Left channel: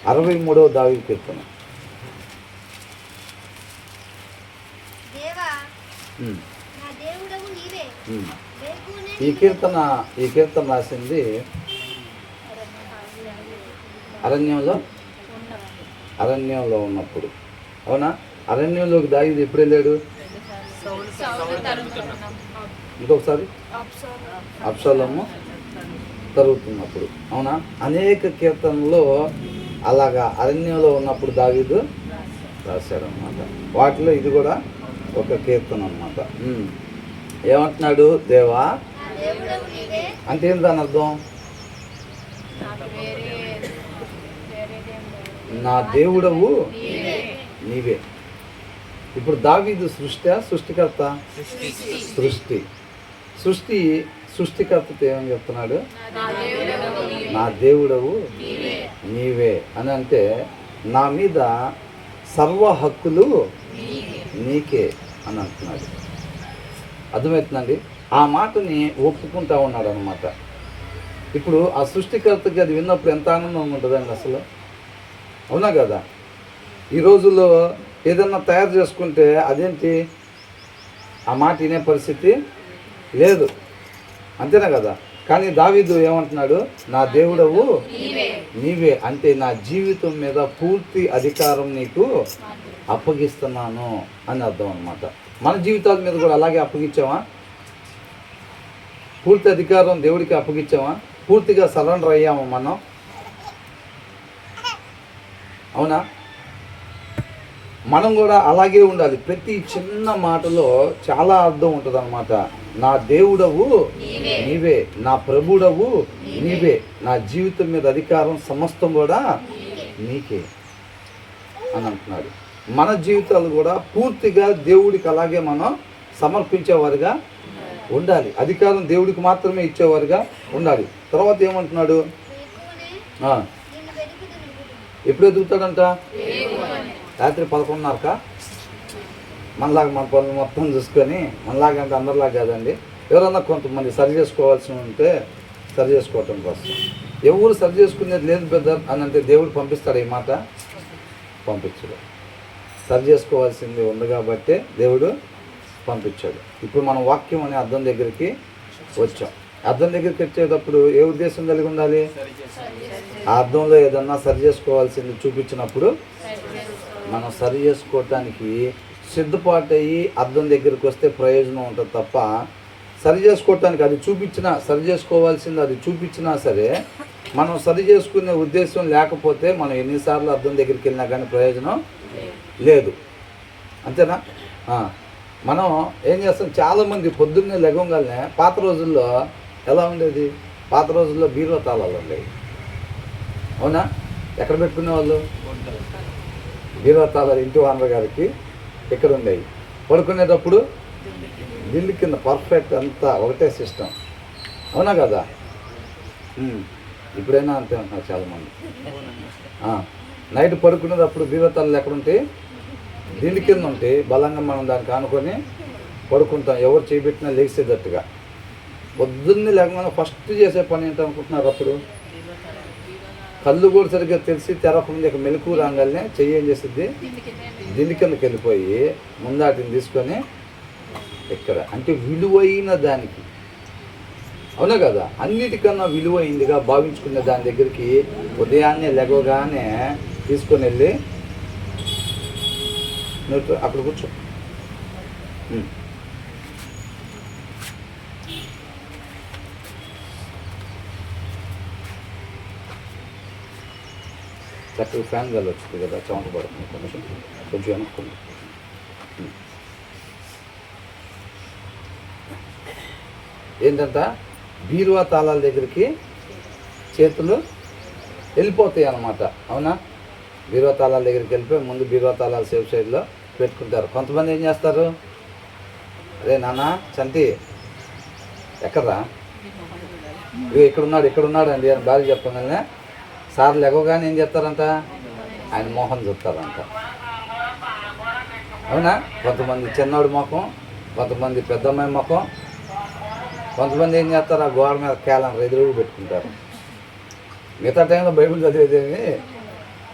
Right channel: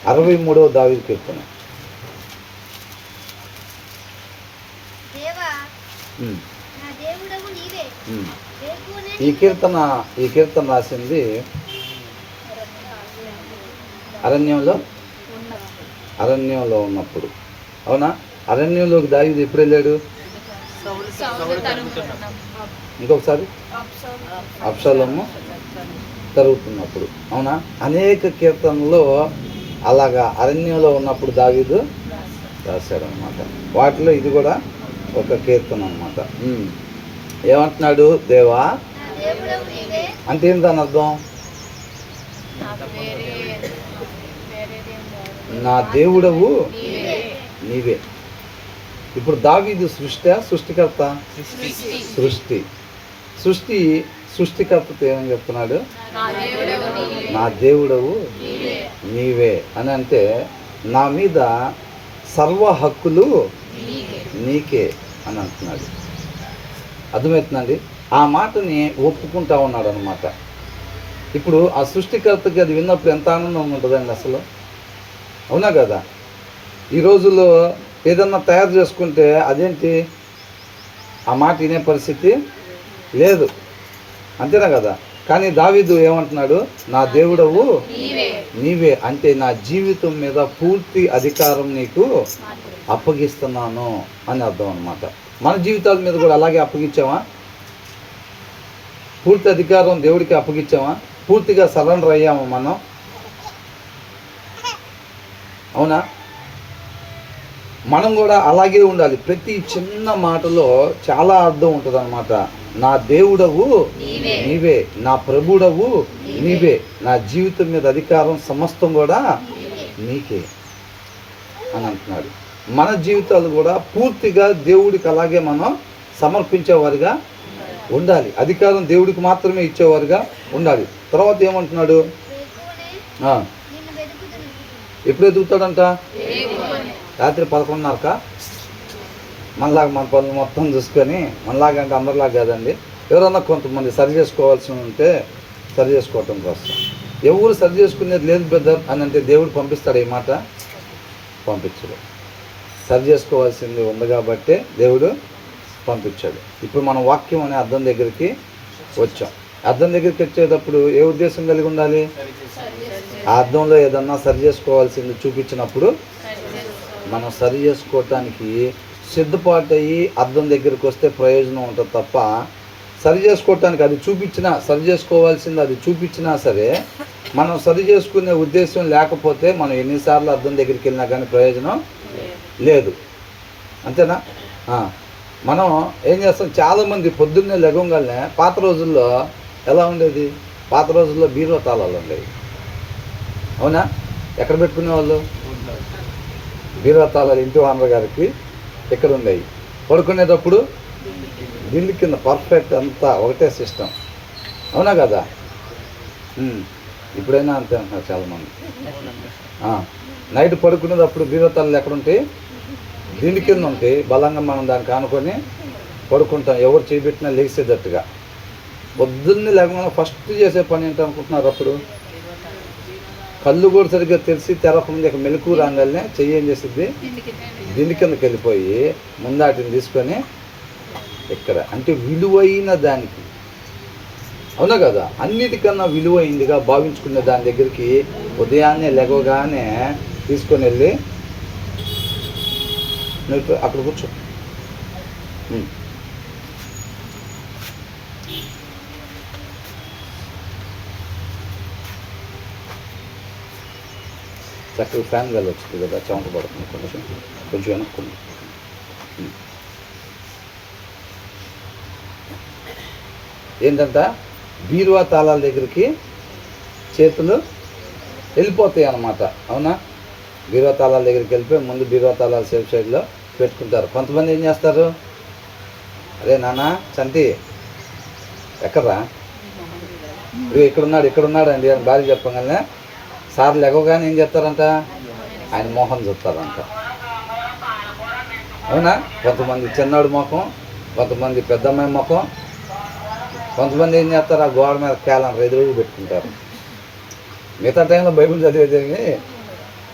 63వ దావీదు కీర్తన. ఈ కీర్తన రాసింది అరణ్యంలో ఉన్నప్పుడు. అవునా? అరణ్యంలోకి దావీదు ఎప్పుడు వెళ్ళాడు? ఇంకొకసారి అబ్షాలోము తరుగుతున్నప్పుడు. అవునా? అనేక కీర్తనలో అలాగా అరణ్యంలో ఉన్నప్పుడు దావీదు రాశాడనమాట. వాటిలో ఇది కూడా ఒక కీర్తన అనమాట. ఏమంటున్నాడు? దేవా అంటే ఏంటి దాని అర్థం? నా దేవుడవు నీవే. ఇప్పుడు దావీదు సృష్టికర్త? సృష్టికర్తతో ఏమని చెప్తున్నాడు? నా దేవుడవు నీవే అని అంటే నా మీద సర్వ హక్కులు నీకే అని అంటున్నాడు. అర్థమవుతుందండి? ఆ మాటని ఒప్పుకుంటా ఉన్నాడు అనమాట. ఇప్పుడు ఆ సృష్టికర్తకి అది విన్నప్పుడు ఎంత ఆనందం ఉంటుందండి అసలు. అవునా కదా? ఈ రోజుల్లో ఏదన్నా తయారు చేసుకుంటే అదేంటి ఆ మాట వినే పరిస్థితి లేదు. అంతేనా కదా? కానీ దావీదు ఏమంటున్నాడు? నా దేవుడవు నీవే అంటే నా జీవితం మీద పూర్తి అధికారం నీకు అప్పగిస్తున్నాను అని అర్థం అనమాట. మన జీవితాల మీద కూడా అలాగే అప్పగించామా? పూర్తి అధికారం దేవుడికి అప్పగించామా? పూర్తిగా సరెండర్ అయ్యామా మనం? అవునా? మనం కూడా అలాగే ఉండాలి. ప్రతి చిన్న మాటలో చాలా అర్థం ఉంటుంది అన్నమాట. నా దేవుడవు నీవే, నా ప్రభుడవు నీవే, నా జీవితం మీద అధికారం సమస్తం కూడా నీకే అని అంటున్నాడు. మన జీవితాలు కూడా పూర్తిగా దేవుడికి అలాగే మనం సమర్పించేవారుగా ఉండాలి. అధికారం దేవుడికి మాత్రమే ఇచ్చేవారుగా ఉండాలి. తర్వాత ఏమంటున్నాడు? ఎప్పుడు ఎదుగుతాడంట? రాత్రి 11:30కా? మనలాగా మన పనులు మొత్తం చూసుకొని, మనలాగా అంటే అందరిలాగా కాదండి. ఎవరన్నా కొంతమంది సరి చేసుకోవాల్సి ఉంటే సరి చేసుకోవటం కోసం. ఎవరు సరి చేసుకునేది లేదు బ్రదర్ అని అంటే దేవుడు పంపిస్తాడు? ఈ మాట పంపించడు. సరి చేసుకోవాల్సింది ఉంది కాబట్టే దేవుడు పంపించాడు. ఇప్పుడు మనం వాక్యం అనే అర్థం దగ్గరికి వచ్చాం. అర్థం దగ్గరికి వచ్చేటప్పుడు ఏ ఉద్దేశం కలిగి ఉండాలి? ఆ అర్థంలో ఏదన్నా సరి చేసుకోవాల్సింది చూపించినప్పుడు మనం సరి చేసుకోవటానికి సిద్ధపాటు అయ్యి అర్థం దగ్గరికి వస్తే ప్రయోజనం ఉంటుంది తప్ప, సరి చేసుకోవటానికి అది చూపించినా, సరి చేసుకోవాల్సింది అది చూపించినా సరే మనం సరి చేసుకునే ఉద్దేశం లేకపోతే మనం ఎన్నిసార్లు అర్థం దగ్గరికి వెళ్ళినా కానీ ప్రయోజనం లేదు. అంతేనా? మనం ఏం చేస్తాం? చాలామంది పొద్దున్నే లెగంగానే, పాత రోజుల్లో ఎలా ఉండేది? పాత రోజుల్లో బీరువా తాళాలు ఉండేవి. అవునా? ఎక్కడ పెట్టుకునేవాళ్ళు? బీరువా తాళాలు ఇంటి ఓనర్ గారికి ఎక్కడ ఉండేవి. పడుకునేటప్పుడు దిల్లు కింద పర్ఫెక్ట్ అంతా ఒకటే సిస్టమ్. అవునా కదా? ఇప్పుడైనా అంతే అంటున్నారు చాలామంది. నైట్ పడుకునేటప్పుడు బీరువా తాళాలు ఎక్కడ ఉంటాయి? దిండి కింద ఉంటాయి. బలంగా మనం దానికి ఆనుకొని పడుకుంటాం, ఎవరు చేయబెట్టినా లేచేటట్టుగా. పొద్దున్నే లేకుండా ఫస్ట్ చేసే పని ఏంటనుకుంటున్నారు? అప్పుడు కళ్ళు కూడా సరిగ్గా తెలిసి తెరకుండా మెలకు రాగానే చెయ్యి ఏం చేసిద్ది? దిండి కిందకి వెళ్ళిపోయి ముందాటిని తీసుకొని ఇక్కడ అంటే విలువైన దానికి, అవునా కదా, అన్నిటికన్నా విలువైందిగా భావించుకునే దాని దగ్గరికి ఉదయాన్నే లెగవగానే తీసుకొని వెళ్ళి నువ్వు అక్కడ కూర్చో. చక్కగా ఫ్యాన్ గాలి వచ్చింది కదా, చెమట పడుతుంది. కొంచెం వెనక్కున్నాం. ఏంటంట? బీరువా తాళాల దగ్గరికి చేతులు వెళ్ళిపోతాయి అన్నమాట. అవునా? బీరువా తాళాల దగ్గరికి వెళ్ళిపోయి ముందు బీరువా తాళాలు సేఫ్ సైడ్లో పెట్టుకుంటారు. కొంతమంది ఏం చేస్తారు? అరే నాన్న చంటి ఎక్కడ్రా, ఇక్కడున్నాడు అండి అని భార్య చెప్పగానే సార్ లెగవగానే ఏం చేస్తారంట? ఆయన మోహం చూస్తారంట. అవునా? కొంతమంది చిన్నాడు ముఖం, కొంతమంది పెద్దమ్మాయి ముఖం, కొంతమంది ఏం చేస్తారు? ఆ గోడ మీద క్యాలెండర్ ఎదురుగా పెట్టుకుంటారు. మిగతా టైంలో బైబిల్ చదివేదేమి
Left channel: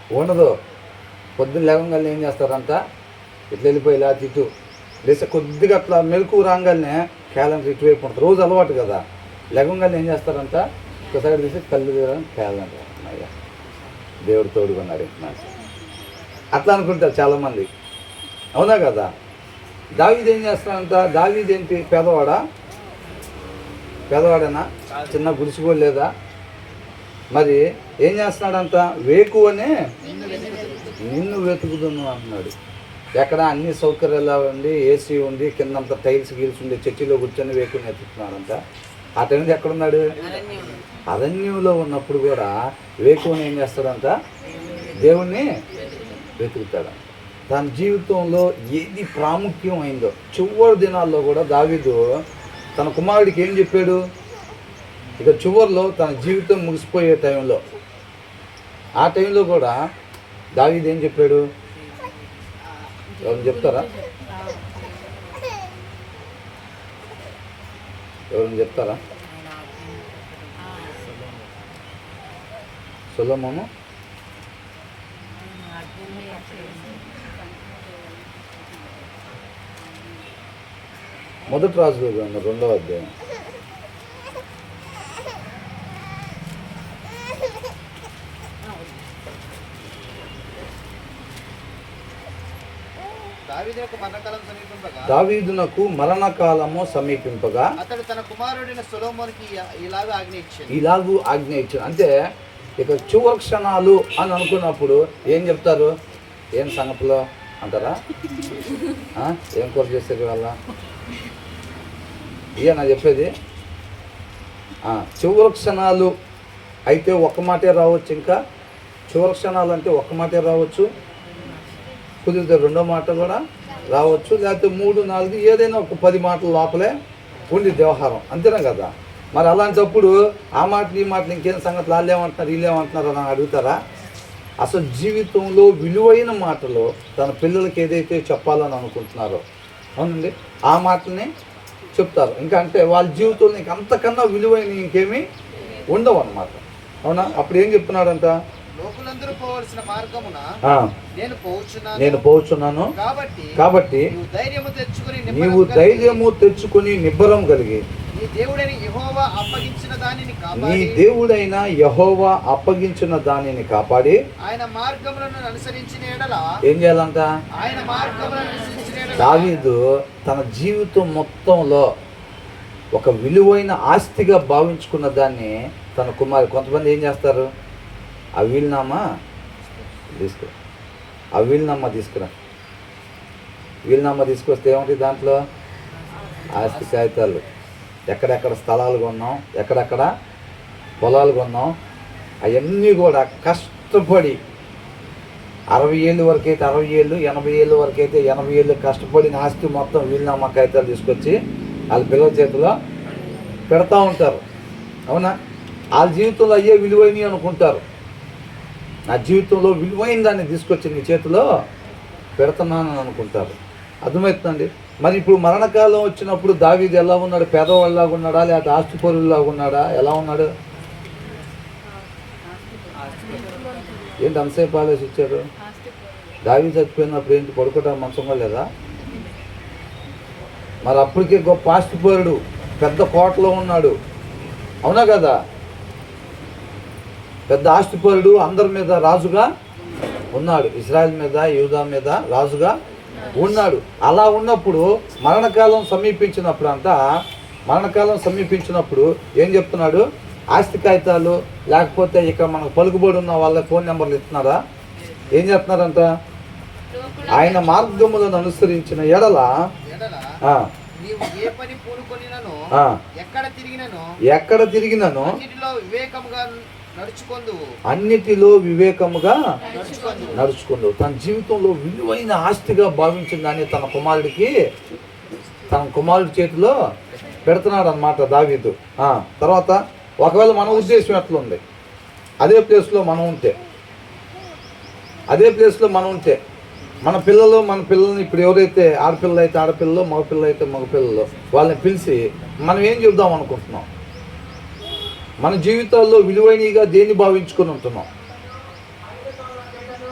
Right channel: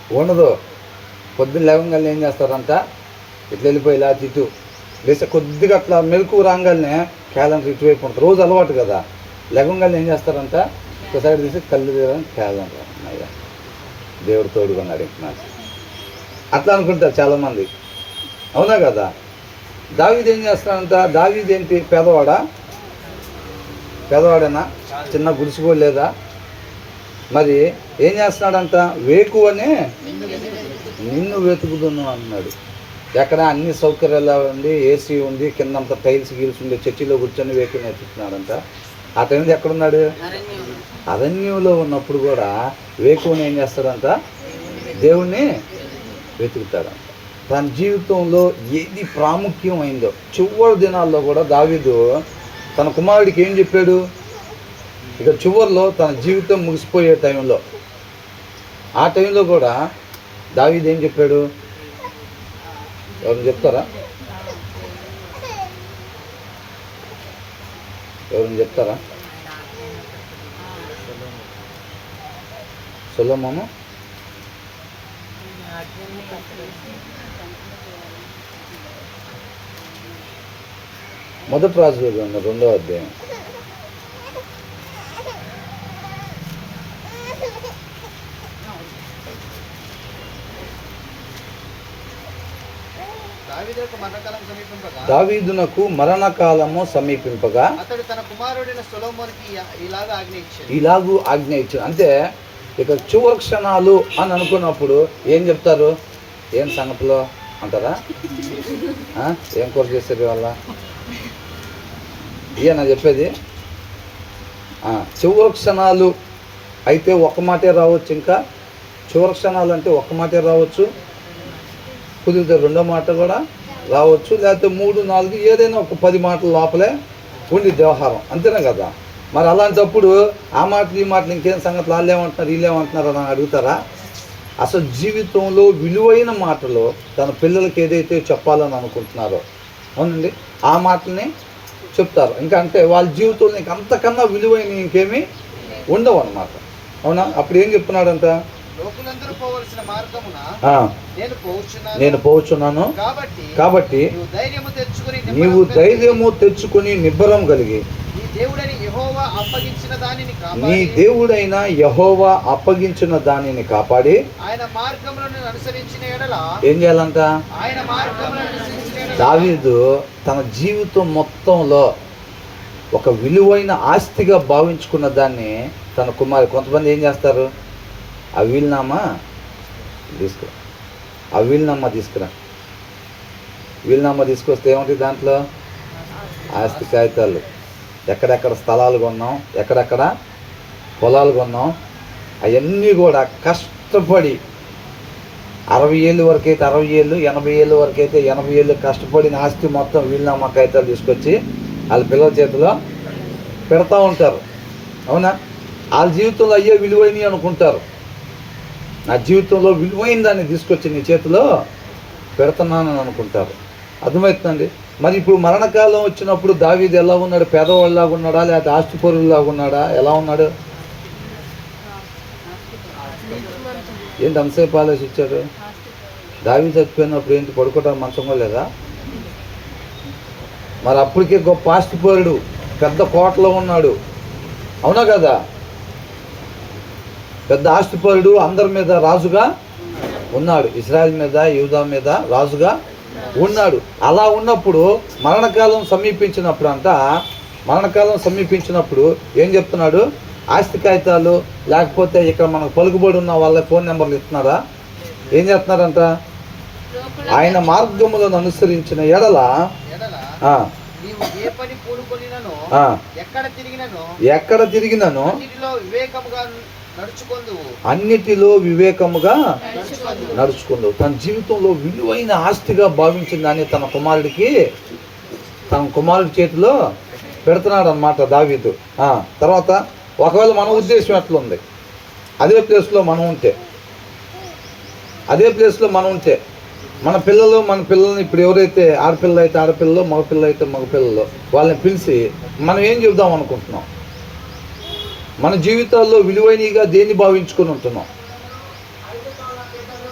ఉండదు. పొద్దున్న లేవగానే ఏం చేస్తారంట, ఇట్లా వెళ్ళిపోయి ఇలా ఇటు లేస్తే కొద్దిగా అట్లా మెలకు రాగానే క్యాలెండర్ ఇటువైపు ఉంటుంది. రోజు అలవాటు కదా. లేవగానే ఏం చేస్తారంట, ఒకసారి తీసి కళ్ళు తీయడం క్యాలెండర్, అయ్యా దేవుడు తోడుకున్నాడు ఇంకా అట్లా అనుకుంటారు చాలామంది. అవునా కదా? దావీదు ఏం చేస్తాడంట, దావీదు ఏంటి, పేదవాడేనా, చిన్న గుడిసిగోడు లేదా? మరి ఏం చేస్తున్నాడంట, వేకువనే నిన్ను వెతుకుదును అన్నాడు. ఎక్కడ అన్ని సౌకర్యాలు ఉండి, ఏసీ ఉంది, కిందంతా టైల్స్ గీల్స్ ఉండి, చర్చిలో కూర్చొని వేకుని వెతుకుతున్నాడంట. ఆ టైంలో ఎక్కడున్నాడు? అరణ్యంలో ఉన్నప్పుడు కూడా వేకువని ఏం చేస్తాడంట, దేవుణ్ణి వెతుకుతాడంట. తన జీవితంలో ఏది ప్రాముఖ్యం అయిందో చివరి దినాల్లో కూడా దావీదు తన కుమారుడికి ఏం చెప్పాడు, ఇక చివరిలో తన జీవితం ముగిసిపోయే టైంలో, ఆ టైంలో కూడా దావీదు ఏం చెప్పాడు? ఎవరు చెప్తారా? సొలొమోను మొదటి రాజుల గ్రంథం 2వ అధ్యాయం. దావీదునకు మరణకాలము సమీపింపగా అతడు తన కుమారుడైన సొలొమోనుకి ఇలాగూ ఆజ్ఞ ఇచ్చాడు. అంటే ఇక చివరి క్షణాలు అని అనుకున్నప్పుడు ఏం చెప్తారు, ఏం సంగతిలో అంటారా? ఏం కూర చేస్తారు వాళ్ళ, నా చెప్పేది. చివరి క్షణాలు అయితే ఒక్క మాటే రావచ్చు. ఇంకా చివరి క్షణాలు అంటే ఒక్క మాటే రావచ్చు, కుదిరితే 2వ మాట కూడా రావచ్చు, లేకపోతే 3, 4 ఏదైనా ఒక 10 మాటల లోపలే ఉండి వ్యవహారం, అంతేనా కదా? మరి అలాంటప్పుడు ఆ మాటలు ఈ మాటలు ఇంకేం సంగతులు, వాళ్ళు ఏమంటున్నారు వీళ్ళు ఏమంటున్నారు అని అడుగుతారా? అసలు జీవితంలో విలువైన మాటలు తన పిల్లలకి ఏదైతే చెప్పాలని అనుకుంటున్నారో, అవునండి, ఆ మాటల్ని చెప్తారు. ఇంకా అంటే వాళ్ళ జీవితంలో ఇంక అంతకన్నా విలువైన ఇంకేమీ ఉండవు అన్నమాట. అవునా? అప్పుడు ఏం చెప్తున్నాడంట, నేను పోవచ్చున్నాను కాబట్టి నీవు ధైర్యము తెచ్చుకుని నిబ్బరం కలిగి నీ దేవుడైన యెహోవా అప్పగించిన దానిని కాపాడి ఆయన మార్గములను అనుసరించిన యెడల ఏం చేయాలంట? దావీదు తన జీవితం మొత్తంలో ఒక విలువైన ఆస్తిగా భావించుకున్న దాన్ని తన కుమారు, కొంతమంది ఏం చేస్తారు, ఆ వీలునామా తీసుకురా, వీలునామా తీసుకొస్తే ఏమంటుంది దాంట్లో? ఆస్తి కాగితాలు, ఎక్కడెక్కడ స్థలాలు కొన్నాం, ఎక్కడెక్కడ పొలాలు కొన్నాం, అవన్నీ కూడా కష్టపడి 60 ఏళ్ళ వరకు అయితే 60 ఏళ్ళు, 80 ఏళ్ళ వరకు అయితే 80 ఏళ్ళు కష్టపడిన ఆస్తి మొత్తం వీలునామా కాగితాలు తీసుకొచ్చి వాళ్ళ పిల్లల చేతిలో పెడతా ఉంటారు. అవునా? వాళ్ళ జీవితంలో అయ్యే విలువైనవి అనుకుంటారు. నా జీవితంలో విలువైన దాన్ని తీసుకొచ్చి నీ చేతిలో పెడుతున్నానని అనుకుంటారు. అర్థమవుతుందండి? మరి ఇప్పుడు మరణకాలం వచ్చినప్పుడు దావీదు ఎలా ఉన్నాడు? పేదవాళ్ళలాగా ఉన్నాడా, లేకపోతే ఆస్తిపరులాగా ఉన్నాడా? ఎలా ఉన్నాడు? ఏంటి అంతసేపు ఆలోచి ఇచ్చారు? దావీదు చచ్చిపోయినప్పుడు ఏంటి, పడుకోవడానికి మంచంగా లేదా? మరి అప్పటికే గొప్ప ఆస్తిపరుడు, పెద్ద కోటలో ఉన్నాడు. అవునా కదా? పెద్ద ఆస్తిపరుడు, అందరి మీద రాజుగా ఉన్నాడు, ఇశ్రాయేల్ మీద యూదా మీద రాజుగా ఉన్నాడు. అలా ఉన్నప్పుడు మరణకాలం సమీపించినప్పుడు ఏం చెప్తున్నాడు? ఆస్తి కాగితాలు లేకపోతే ఇక్కడ మనకు పలుకుబడి ఉన్న వాళ్ళ ఫోన్ నెంబర్లు ఇస్తున్నారా? ఏం చెప్తున్నారంట? ఆయన మార్గములను అనుసరించిన ఎడల ఎక్కడ తిరిగినను అన్నిటిలో వివేకముగా నడుచుకుందు. తన జీవితంలో విలువైన ఆస్తిగా భావించిన దాన్ని తన కుమారుడి చేతిలో పెడుతున్నాడు అన్నమాట దావీదు. తర్వాత ఒకవేళ మన ఉద్దేశం ఎట్లుంది, అదే ప్లేస్లో మనం ఉంటే మన పిల్లల్ని ఇప్పుడు ఎవరైతే ఆడపిల్లలు అయితే ఆడపిల్లలు, మగపిల్లలు అయితే మగపిల్లలు, వాళ్ళని పిలిచి మనం ఏం చెబుదాం అనుకుంటున్నాం? మన జీవితాల్లో విలువైనగా దేన్ని భావించుకొని ఉంటున్నాం?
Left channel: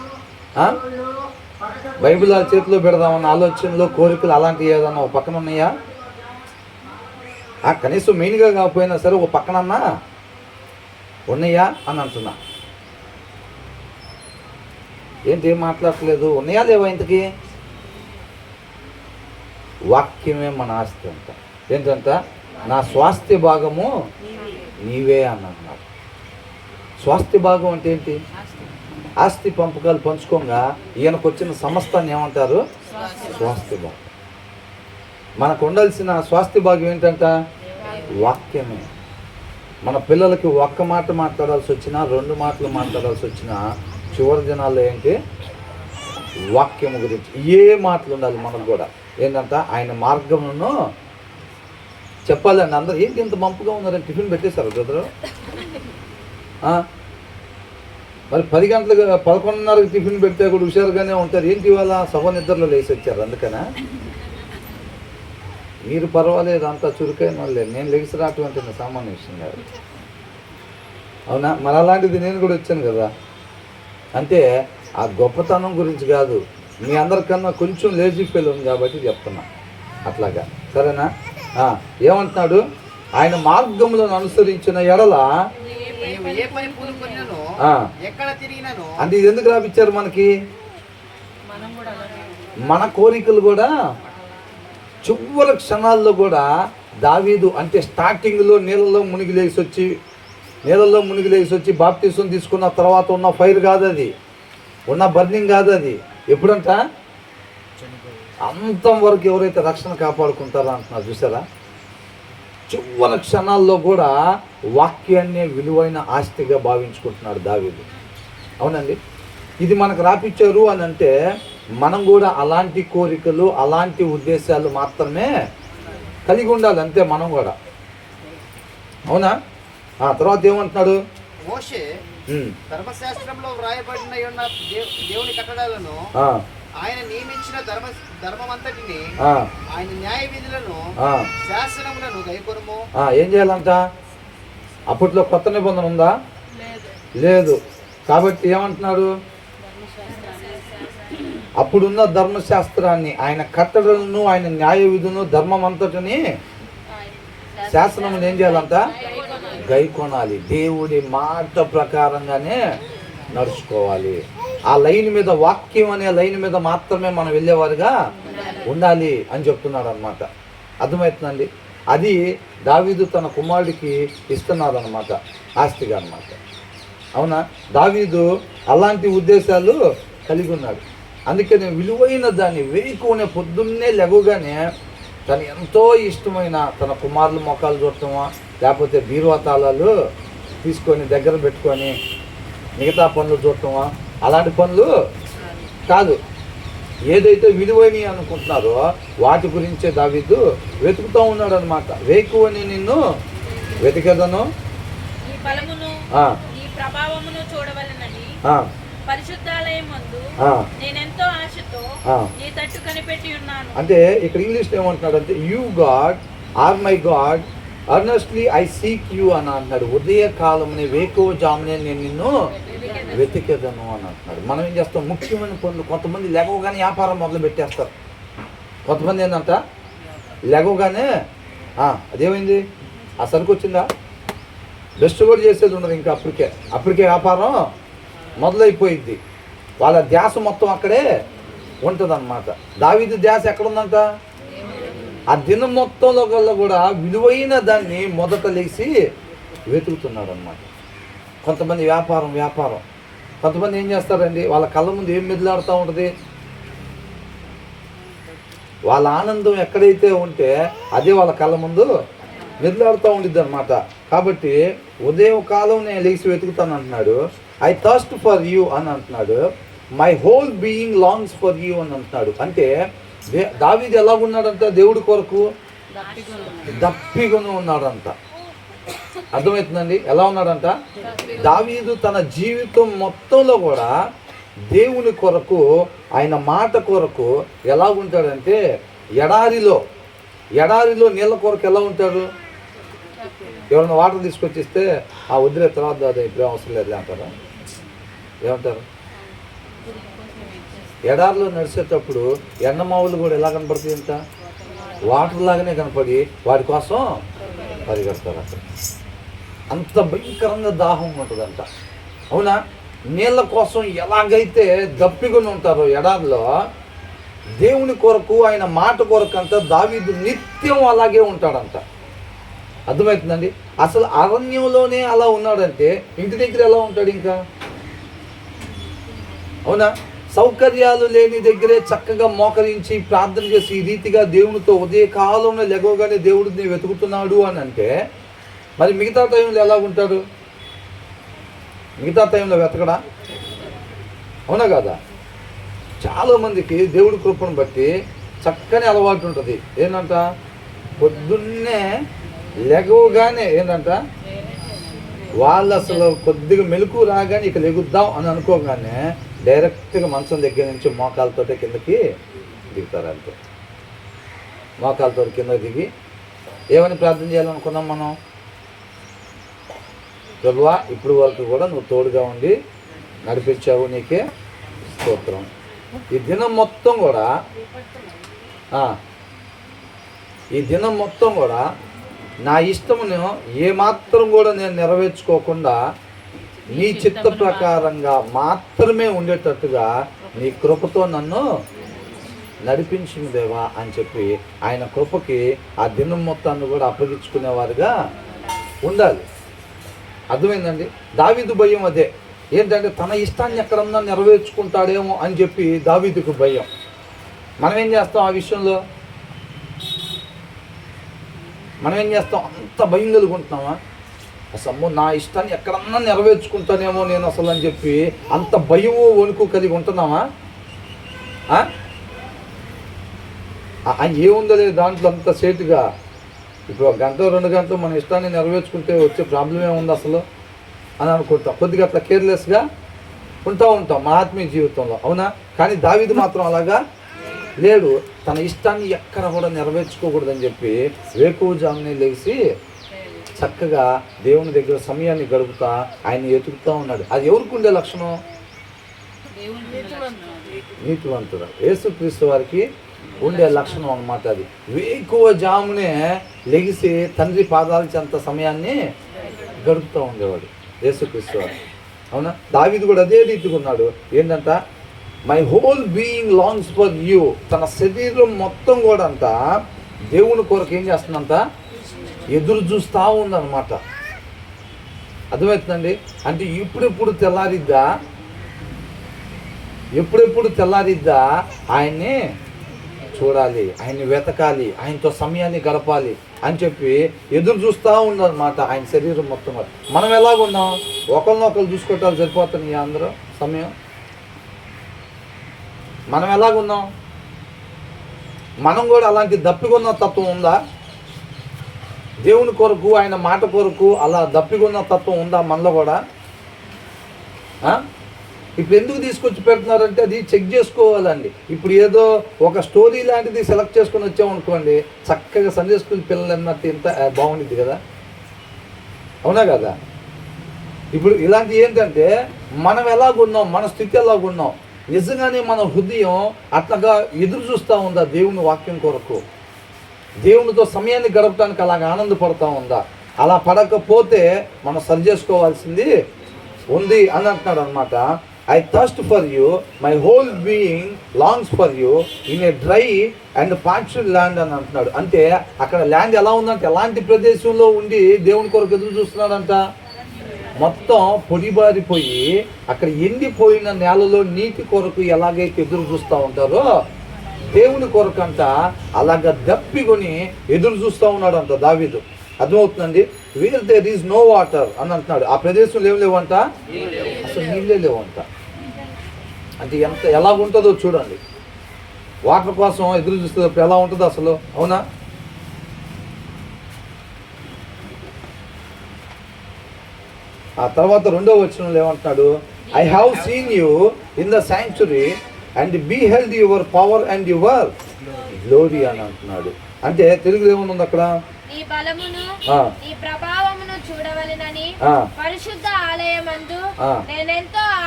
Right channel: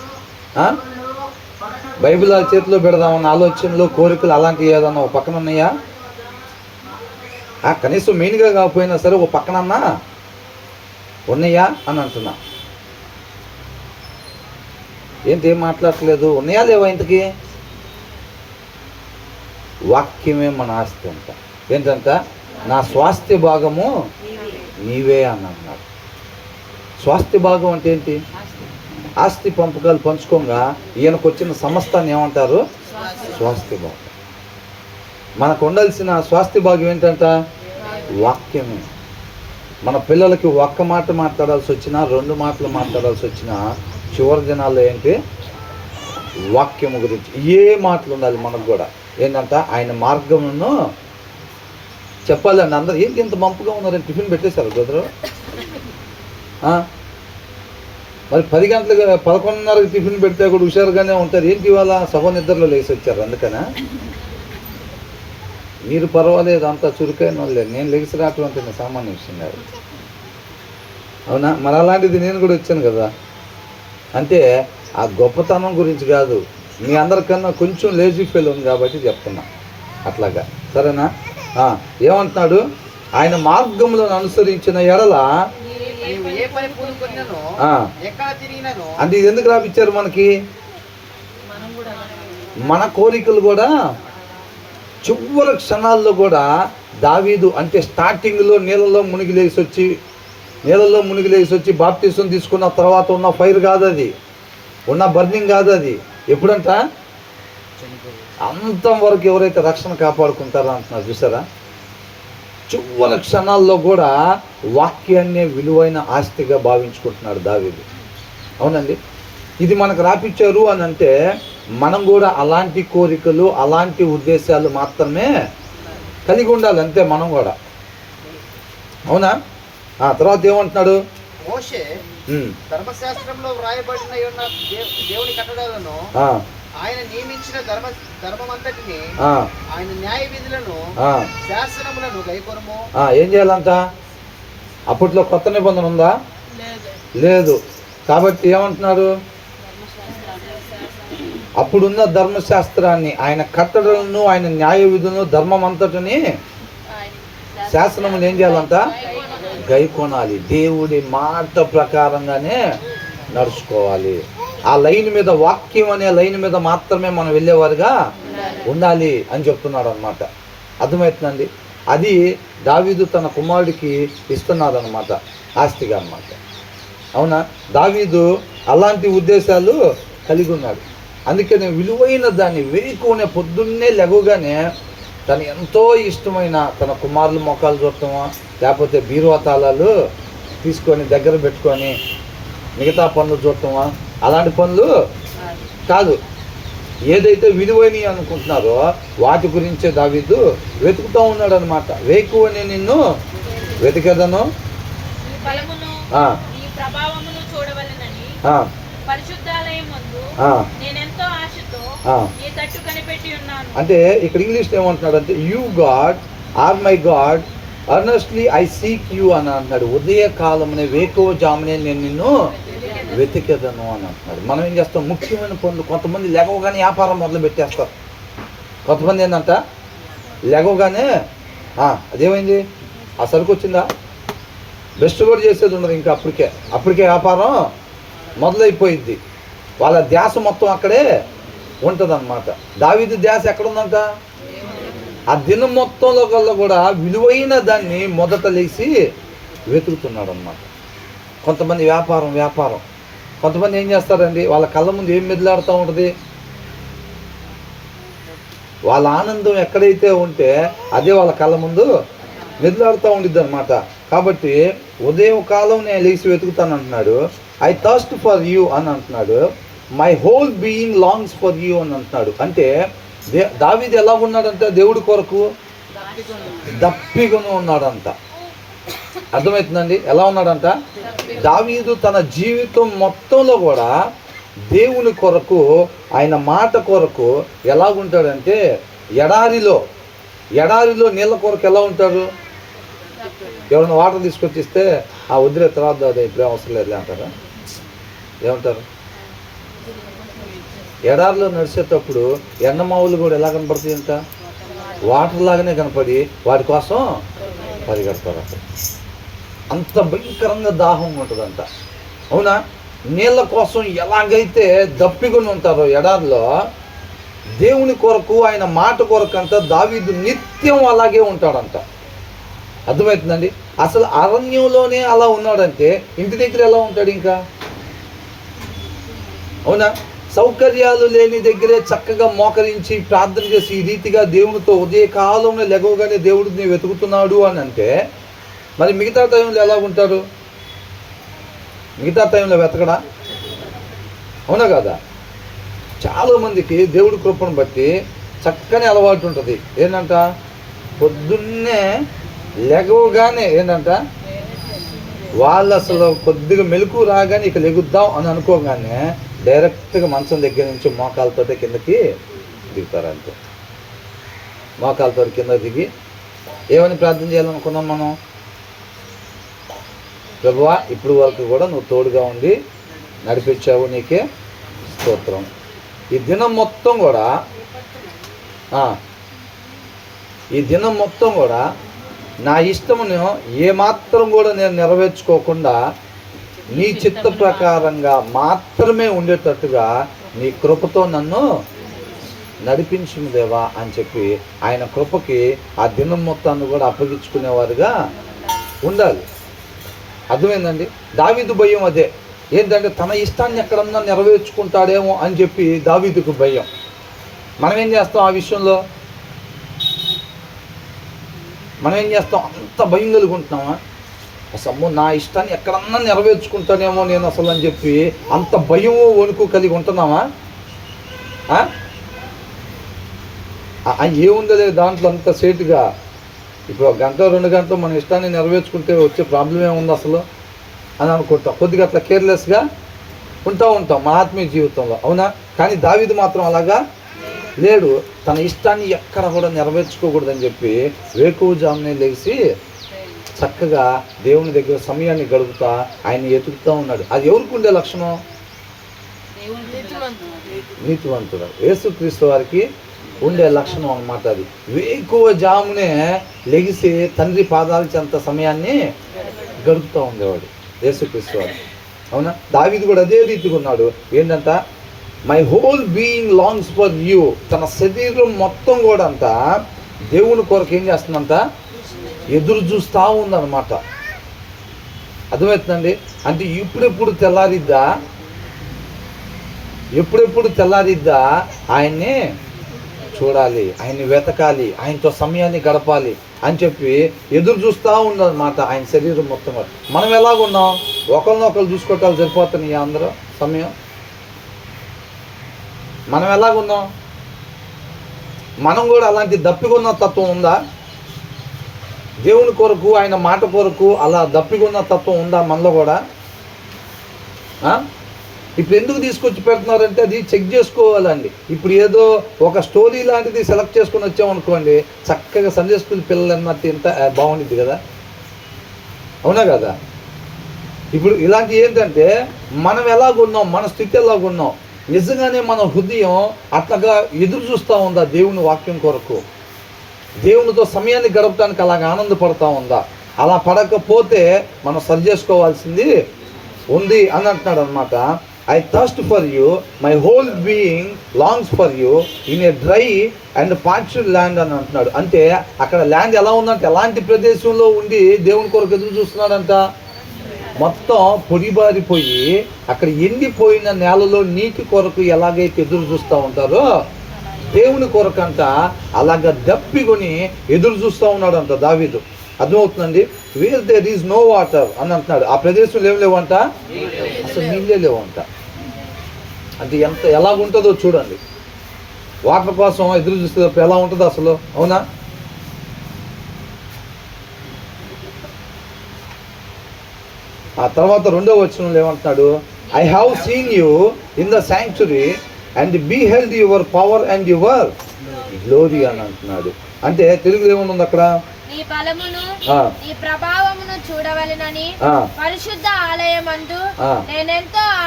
ఆ? బైబిల్ ఆ చేతిలో పెడదామన్న ఆలోచనలు కోరికలు అలాంటివి ఏదన్నా ఒక పక్కన ఉన్నాయా? కనీసం మెయిన్గా కాకపోయినా సరే ఓ పక్కనన్నా ఉన్నాయా అని అంటున్నా. ఏంటి ఏం మాట్లాడట్లేదు? ఉన్నాయా లేవా? ఇంతకీ వాక్యమే మన ఆస్తి అంట. ఏంటంట? నా స్వాస్థ్య భాగము నీవే అని అన్నాడు. స్వాస్థ్య భాగం అంటే ఏంటి? ఆస్తి పంపకాలు పంచుకోగా ఈయనకు వచ్చిన సమస్తాన్ని ఏమంటారు? స్వాస్థ్య భాగం. మనకు ఉండాల్సిన స్వాస్థ్య భాగం ఏంటంట? వాక్యమే. మన పిల్లలకి ఒక్క మాట మాట్లాడాల్సి వచ్చినా, 2 మాటలు మాట్లాడాల్సి వచ్చినా, చివరి దినాల్లో ఏంటి? వాక్యము గురించి ఏ మాటలు ఉండాలి మనకు కూడా. ఏంటంట? ఆయన మార్గమును చెప్పాలండి. అందరూ ఏంటి ఇంత మంపుగా ఉన్నారని టిఫిన్ పెట్టేశారు బ్రదరు? మరి 10 గంటలకు 11:30కి టిఫిన్ పెడితే కూడా హుషారుగానే ఉంటారు. ఏంటి ఇవాళ సభ నిద్రలో లేచి వచ్చారు? అందుకనా? మీరు పర్వాలేదు, అంతా చురుకైన వాళ్ళే. నేను లెగిసి రావటం అంటే సామాన్య విషయం కాదు. అవునా? మరి అలాంటిది నేను కూడా వచ్చాను కదా. అంటే ఆ గొప్పతనం గురించి కాదు, మీ అందరికన్నా కొంచెం లేజీ ఫెయిల్ ఉంది కాబట్టి చెప్తున్నా అట్లాగా. సరేనా? ఏమంటున్నాడు? ఆయన మార్గములను అనుసరించిన ఎడల అంటే ఇది ఎందుకు రాపిచ్చారు మనకి? మన కోరికలు కూడా చివరి క్షణాల్లో కూడా దావీదు అంటే స్టార్టింగ్లో నీళ్ళలో మునిగి లేచి వచ్చి బాప్తిసం తీసుకున్న తర్వాత ఉన్న ఫైర్ కాదు అది, ఉన్న బర్నింగ్ కాదు అది. ఎప్పుడంట? అంతం వరకు ఎవరైతే రక్షణ కాపాడుకుంటారో అంటున్నారు. చూసారా? చివరి క్షణాల్లో కూడా వాక్యాన్నే విలువైన ఆస్తిగా భావించుకుంటున్నాడు దావీదు. అవునండి. ఇది మనకు రాపిచ్చారు అని అంటే మనం కూడా అలాంటి కోరికలు, అలాంటి ఉద్దేశాలు మాత్రమే కలిగి ఉండాలి. అంతే మనం కూడా. అవునా? తర్వాత ఏమంటున్నాడు? మోషే ధర్మశాస్త్రంలో వ్రాయబడిన దేవుని కట్టడాలను, ఆయన నియమించిన ధర్మమంతటిని, ఆయన న్యాయ విధులను, శాసనములను గైకొనుము. ఏం చేయాలంట? అప్పట్లో కొత్త నిబంధన ఉందా? లేదు. కాబట్టి ఏమంటున్నారు? అప్పుడున్న ధర్మశాస్త్రాన్ని, ఆయన కట్టడలను, ఆయన న్యాయ విధులను, ధర్మం అంతటిని, శాసనములు ఏం చేయాలంట? గైకొనాలి. దేవుడి మాట ప్రకారంగానే నడుచుకోవాలి. ఆ లైన్ మీద, వాక్యం అనే లైన్ మీద మాత్రమే మనం వెళ్ళేవారుగా ఉండాలి అని చెప్తున్నాడు అనమాట. అర్థమవుతుందండి? అది దావీదు తన కుమారుడికి ఇస్తున్నాడు అనమాట, ఆస్తిగా అనమాట. అవునా? దావీదు అలాంటి ఉద్దేశాలు కలిగి ఉన్నాడు. అందుకని విలువైన దాన్ని వేకునే పొద్దున్నే లెగగానే తను ఎంతో ఇష్టమైన తన కుమారుల మొక్కలు చూడటమా, లేకపోతే బీరువా తాళాలు తీసుకొని దగ్గర పెట్టుకొని మిగతా పనులు చూడటమా, అలాంటి పనులు కాదు. ఏదైతే విలువైనవి అనుకుంటున్నారో వాటి గురించే దావీదు వెతుకుతూ ఉన్నాడు అనమాట. వేకువని నిన్ను వెతికేదను, అంటే ఇక్కడ ఇంగ్లీష్లో ఏమంటున్నాడు అంటే, you God are my God అర్నెస్ట్లీ I seek you అని అంటున్నాడు. ఉదయకాలమునే వేకువ జామునే నేను నిన్ను వెతికేదను అని అంటున్నాడు. మనం ఏం చేస్తాం? ముఖ్యమైన పనులు, కొంతమంది లెగవగానే వ్యాపారం మొదలు పెట్టేస్తారు. కొంతమంది ఏంటంట లెగవగానే అదేమైంది, ఆ సరుకు వచ్చిందా, బెస్ట్ కూడా చేసేది ఉండదు. ఇంకా అప్పటికే వ్యాపారం మొదలైపోయిద్ది. వాళ్ళ ధ్యాస మొత్తం అక్కడే ఉంటుంది అన్నమాట. దావీదు ధ్యాస ఎక్కడుందంట? ఆ దినం మొత్తంలో కల్లా కూడా విలువైన దాన్ని మొదట లేచి వెతుకుతున్నాడు అనమాట. కొంతమంది వ్యాపారం, కొంతమంది ఏం చేస్తారండి, వాళ్ళ కళ్ళ ముందు ఏం మెదిలాడుతూ ఉంటుంది? వాళ్ళ ఆనందం ఎక్కడైతే ఉంటే అదే వాళ్ళ కళ్ళ ముందు మెదిలాడుతూ ఉండిద్ది అనమాట. కాబట్టి ఉదయం కాలం నేను లేచి వెతుకుతాను అంటున్నాడు. ఐ థర్స్ట్ ఫర్ యూ అని అంటున్నాడు. My whole being longs for you అని అంటున్నాడు. అంటే దావీదు ఎలా ఉన్నాడంటే దేవుడి కొరకు దప్పికొని ఉన్నాడంట. అర్థమవుతుందండి? ఎలా ఉన్నాడంట? దావీదు తన జీవితం మొత్తంలో కూడా దేవుని కొరకు, ఆయన మాట కొరకు ఎలా ఉంటాడంటే, ఎడారిలో నీళ్ళ కొరకు ఎలా ఉంటాడు? ఎవరైనా వాటర్ తీసుకొచ్చిస్తే వదిలే తర్వాత ఇప్పుడే అవసరం లేదు అంటారా? ఏమంటారు? ఎడారిలో నడిచేటప్పుడు ఎండమావులు కూడా ఎలా కనపడుతుంది అంట, వాటర్ లాగానే కనపడి వాటి కోసం పరిగెడతారు. అక్కడ అంత భయంకరంగా దాహం ఉంటుందంట. అవునా? నీళ్ళ కోసం ఎలాగైతే దప్పికొని ఉంటారో ఎడారిలో, దేవుని కొరకు ఆయన మాట కొరకు అంట దావీదు నిత్యం అలాగే ఉంటాడంట. అర్థమవుతుందండి? అసలు అరణ్యంలోనే అలా ఉన్నాడంటే ఇంటి దగ్గర ఎలా ఉంటాడు ఇంకా? అవునా? సౌకర్యాలు లేని దగ్గరే చక్కగా మోకరించి ప్రార్థన చేసి ఈ రీతిగా దేవునితో ఉదయకాలంలో లెగవగానే దేవుడిని వెతుకుతున్నాడు అని అంటే, మరి మిగతా టైంలో ఎలా ఉంటాడు? మిగతా టైంలో వెతకడా? అవునా కదా? చాలామందికి దేవుడి కృపను బట్టి చక్కని అలవాటు ఉంటుంది. ఏంటంట, పొద్దున్నే లెగవగానే ఏంటంట, వాళ్ళు అసలు కొద్దిగా మెలకు రాగానే ఇక లెగుద్దాం అని అనుకోగానే డైరెక్ట్గా మంచం దగ్గర నుంచి మోకాలతోటే కిందకి దిగుతారు. అంతే, మోకాలతో కింద దిగి ఏమని ప్రార్థన చేయాలనుకున్నాం మనం? ప్రభువా, ఇప్పుడు వరకు కూడా నువ్వు తోడుగా ఉండి నడిపించావు, నీకే స్తోత్రం. ఈ దినం మొత్తం కూడా నా ఇష్టమును ఏమాత్రం కూడా నేను నెరవేర్చుకోకుండా నీ చిత్త ప్రకారంగా మాత్రమే ఉండేటట్టుగా నీ కృపతో నన్ను నడిపించుము దేవా అని చెప్పి ఆయన కృపకి ఆ దినం మొత్తాన్ని కూడా అప్పగించుకునేవారుగా ఉండాలి. అర్థమైందండి? దావీదు భయం అదే. ఏంటంటే తన ఇష్టాన్ని ఎక్కడన్నా నెరవేర్చుకుంటాడేమో అని చెప్పి దావీదుకు భయం. మనం ఏం చేస్తాం ఆ విషయంలో? మనం ఏం చేస్తాం? అంత భయం కలుగుంటున్నామా? అసలు నా ఇష్టాన్ని ఎక్కడన్నా నెరవేర్చుకుంటానేమో నేను అసలు అని చెప్పి అంత భయము వణుకు కలిగి ఉంటున్నామా? ఏముందలే దాంట్లో అంత సేటుగా. ఇప్పుడు 1 గంట 2 గంటలు మన ఇష్టాన్ని నెరవేర్చుకుంటే వచ్చే ప్రాబ్లం ఏముంది అసలు అని అనుకుంటాం. కొద్దిగా అట్లా కేర్లెస్గా ఉంటాం మన ఆత్మీయ జీవితంలో. అవునా? కానీ దావీదు మాత్రం అలాగా లేడు. తన ఇష్టాన్ని ఎక్కడ కూడా నెరవేర్చుకోకూడదని చెప్పి వేకువజామునే లేచి చక్కగా దేవుని దగ్గర సమయాన్ని గడుపుతా ఆయన ఎతుకుతూ ఉన్నాడు. అది ఎవరికి ఉండే లక్షణం? నీతివంతుడు యేసుక్రీస్తు వారికి ఉండే లక్షణం అన్నమాట. అది వేకువజామునే లెగిసి తండ్రి పాదాల చెంత సమయాన్ని గడుపుతూ ఉండేవాడు యేసుక్రీస్తు వారు. అవునా? దావీదు కూడా అదే రీతిగా ఉన్నాడు. ఏంటంట, my whole being longs for you. తన శరీరం మొత్తం కూడా అంట దేవుని కొరకు ఏం చేస్తుందంట, ఎదురు చూస్తూ ఉందన్నమాట. అర్థమవుతుందండి? అంటే ఎప్పుడెప్పుడు తెల్లారిద్దా ఆయన్ని చూడాలి, ఆయన్ని వెతకాలి, ఆయనతో సమయాన్ని గడపాలి అని చెప్పి ఎదురు చూస్తూ ఉందన్నమాట ఆయన శరీరం మొత్తం. మనం ఎలాగున్నాం? ఒకరినొకరు చూసుకోవటాలు సరిపోతున్నాయి అందరూ సమయం. మనం ఎలాగున్నాం? మనం కూడా అలాంటి దప్పికొన్న తత్వం ఉందా? దేవుని కొరకు ఆయన మాట కొరకు అలా దప్పికొన్న తత్వం ఉందా మనలో కూడా? ఇప్పుడు ఎందుకు తీసుకొచ్చి పెడుతున్నారంటే అది చెక్ చేసుకోవాలండి. ఇప్పుడు ఏదో ఒక స్టోరీ లాంటిది సెలెక్ట్ చేసుకొని వచ్చామనుకోండి, చక్కగా సండే స్కూల్ పిల్లలు అన్నట్టు ఇంత బాగుండిద్ది కదా. అవునా కదా? ఇప్పుడు ఇలాంటి ఏంటంటే మనం ఎలాగున్నాం, మన స్థితి ఎలాగున్నాం, నిజంగానే మన హృదయం అట్లాగా ఎదురు చూస్తూ ఉందా దేవుని వాక్యం కొరకు? దేవునితో సమయాన్ని గడపడానికి అలాగ ఆనందపడుతూ ఉందా? అలా పడకపోతే మనం సరి చేసుకోవాల్సింది ఉంది అని అంటున్నాడు అనమాట. I thirst for you, my whole being longs for you in a dry and పార్చుడ్ land అని అంటున్నాడు. అంటే అక్కడ ల్యాండ్ ఎలా ఉందంటే, ఎలాంటి ప్రదేశంలో ఉండి దేవుని కొరకు ఎదురు చూస్తున్నాడంట, మొత్తం పొడిబారిపోయి అక్కడ ఎండిపోయిన నేలలో నీటి కొరకు ఎలాగైతే ఎదురు చూస్తూ ఉంటారో దేవుని కొరకు అంట అలాగ దప్పికొని ఎదురు చూస్తూ ఉన్నాడంట దావీదు. అర్థమవుతుందండి? Wear there is no water అని అంటున్నాడు. ఆ ప్రదేశంలో ఏం లేవంట, అసలు నీళ్ళే లేవంట. అంటే ఎలాగుంటుందో చూడండి. వాటర్ కోసం ఎదురు చూస్తే ఎలా ఉంటుందో అసలు. అవునా? ఆ తర్వాత 2వ వచనంలో ఏమంటున్నాడు, I have seen you in the sanctuary and beheld your power and your glory అని అంటున్నాడు. అంటే తెలుగులో ఏముంది అక్కడ, నీ బలమును నీ ప్రభావమును చూడవలెనని పరిశుద్ధ ఆలయమందు నేనెంతో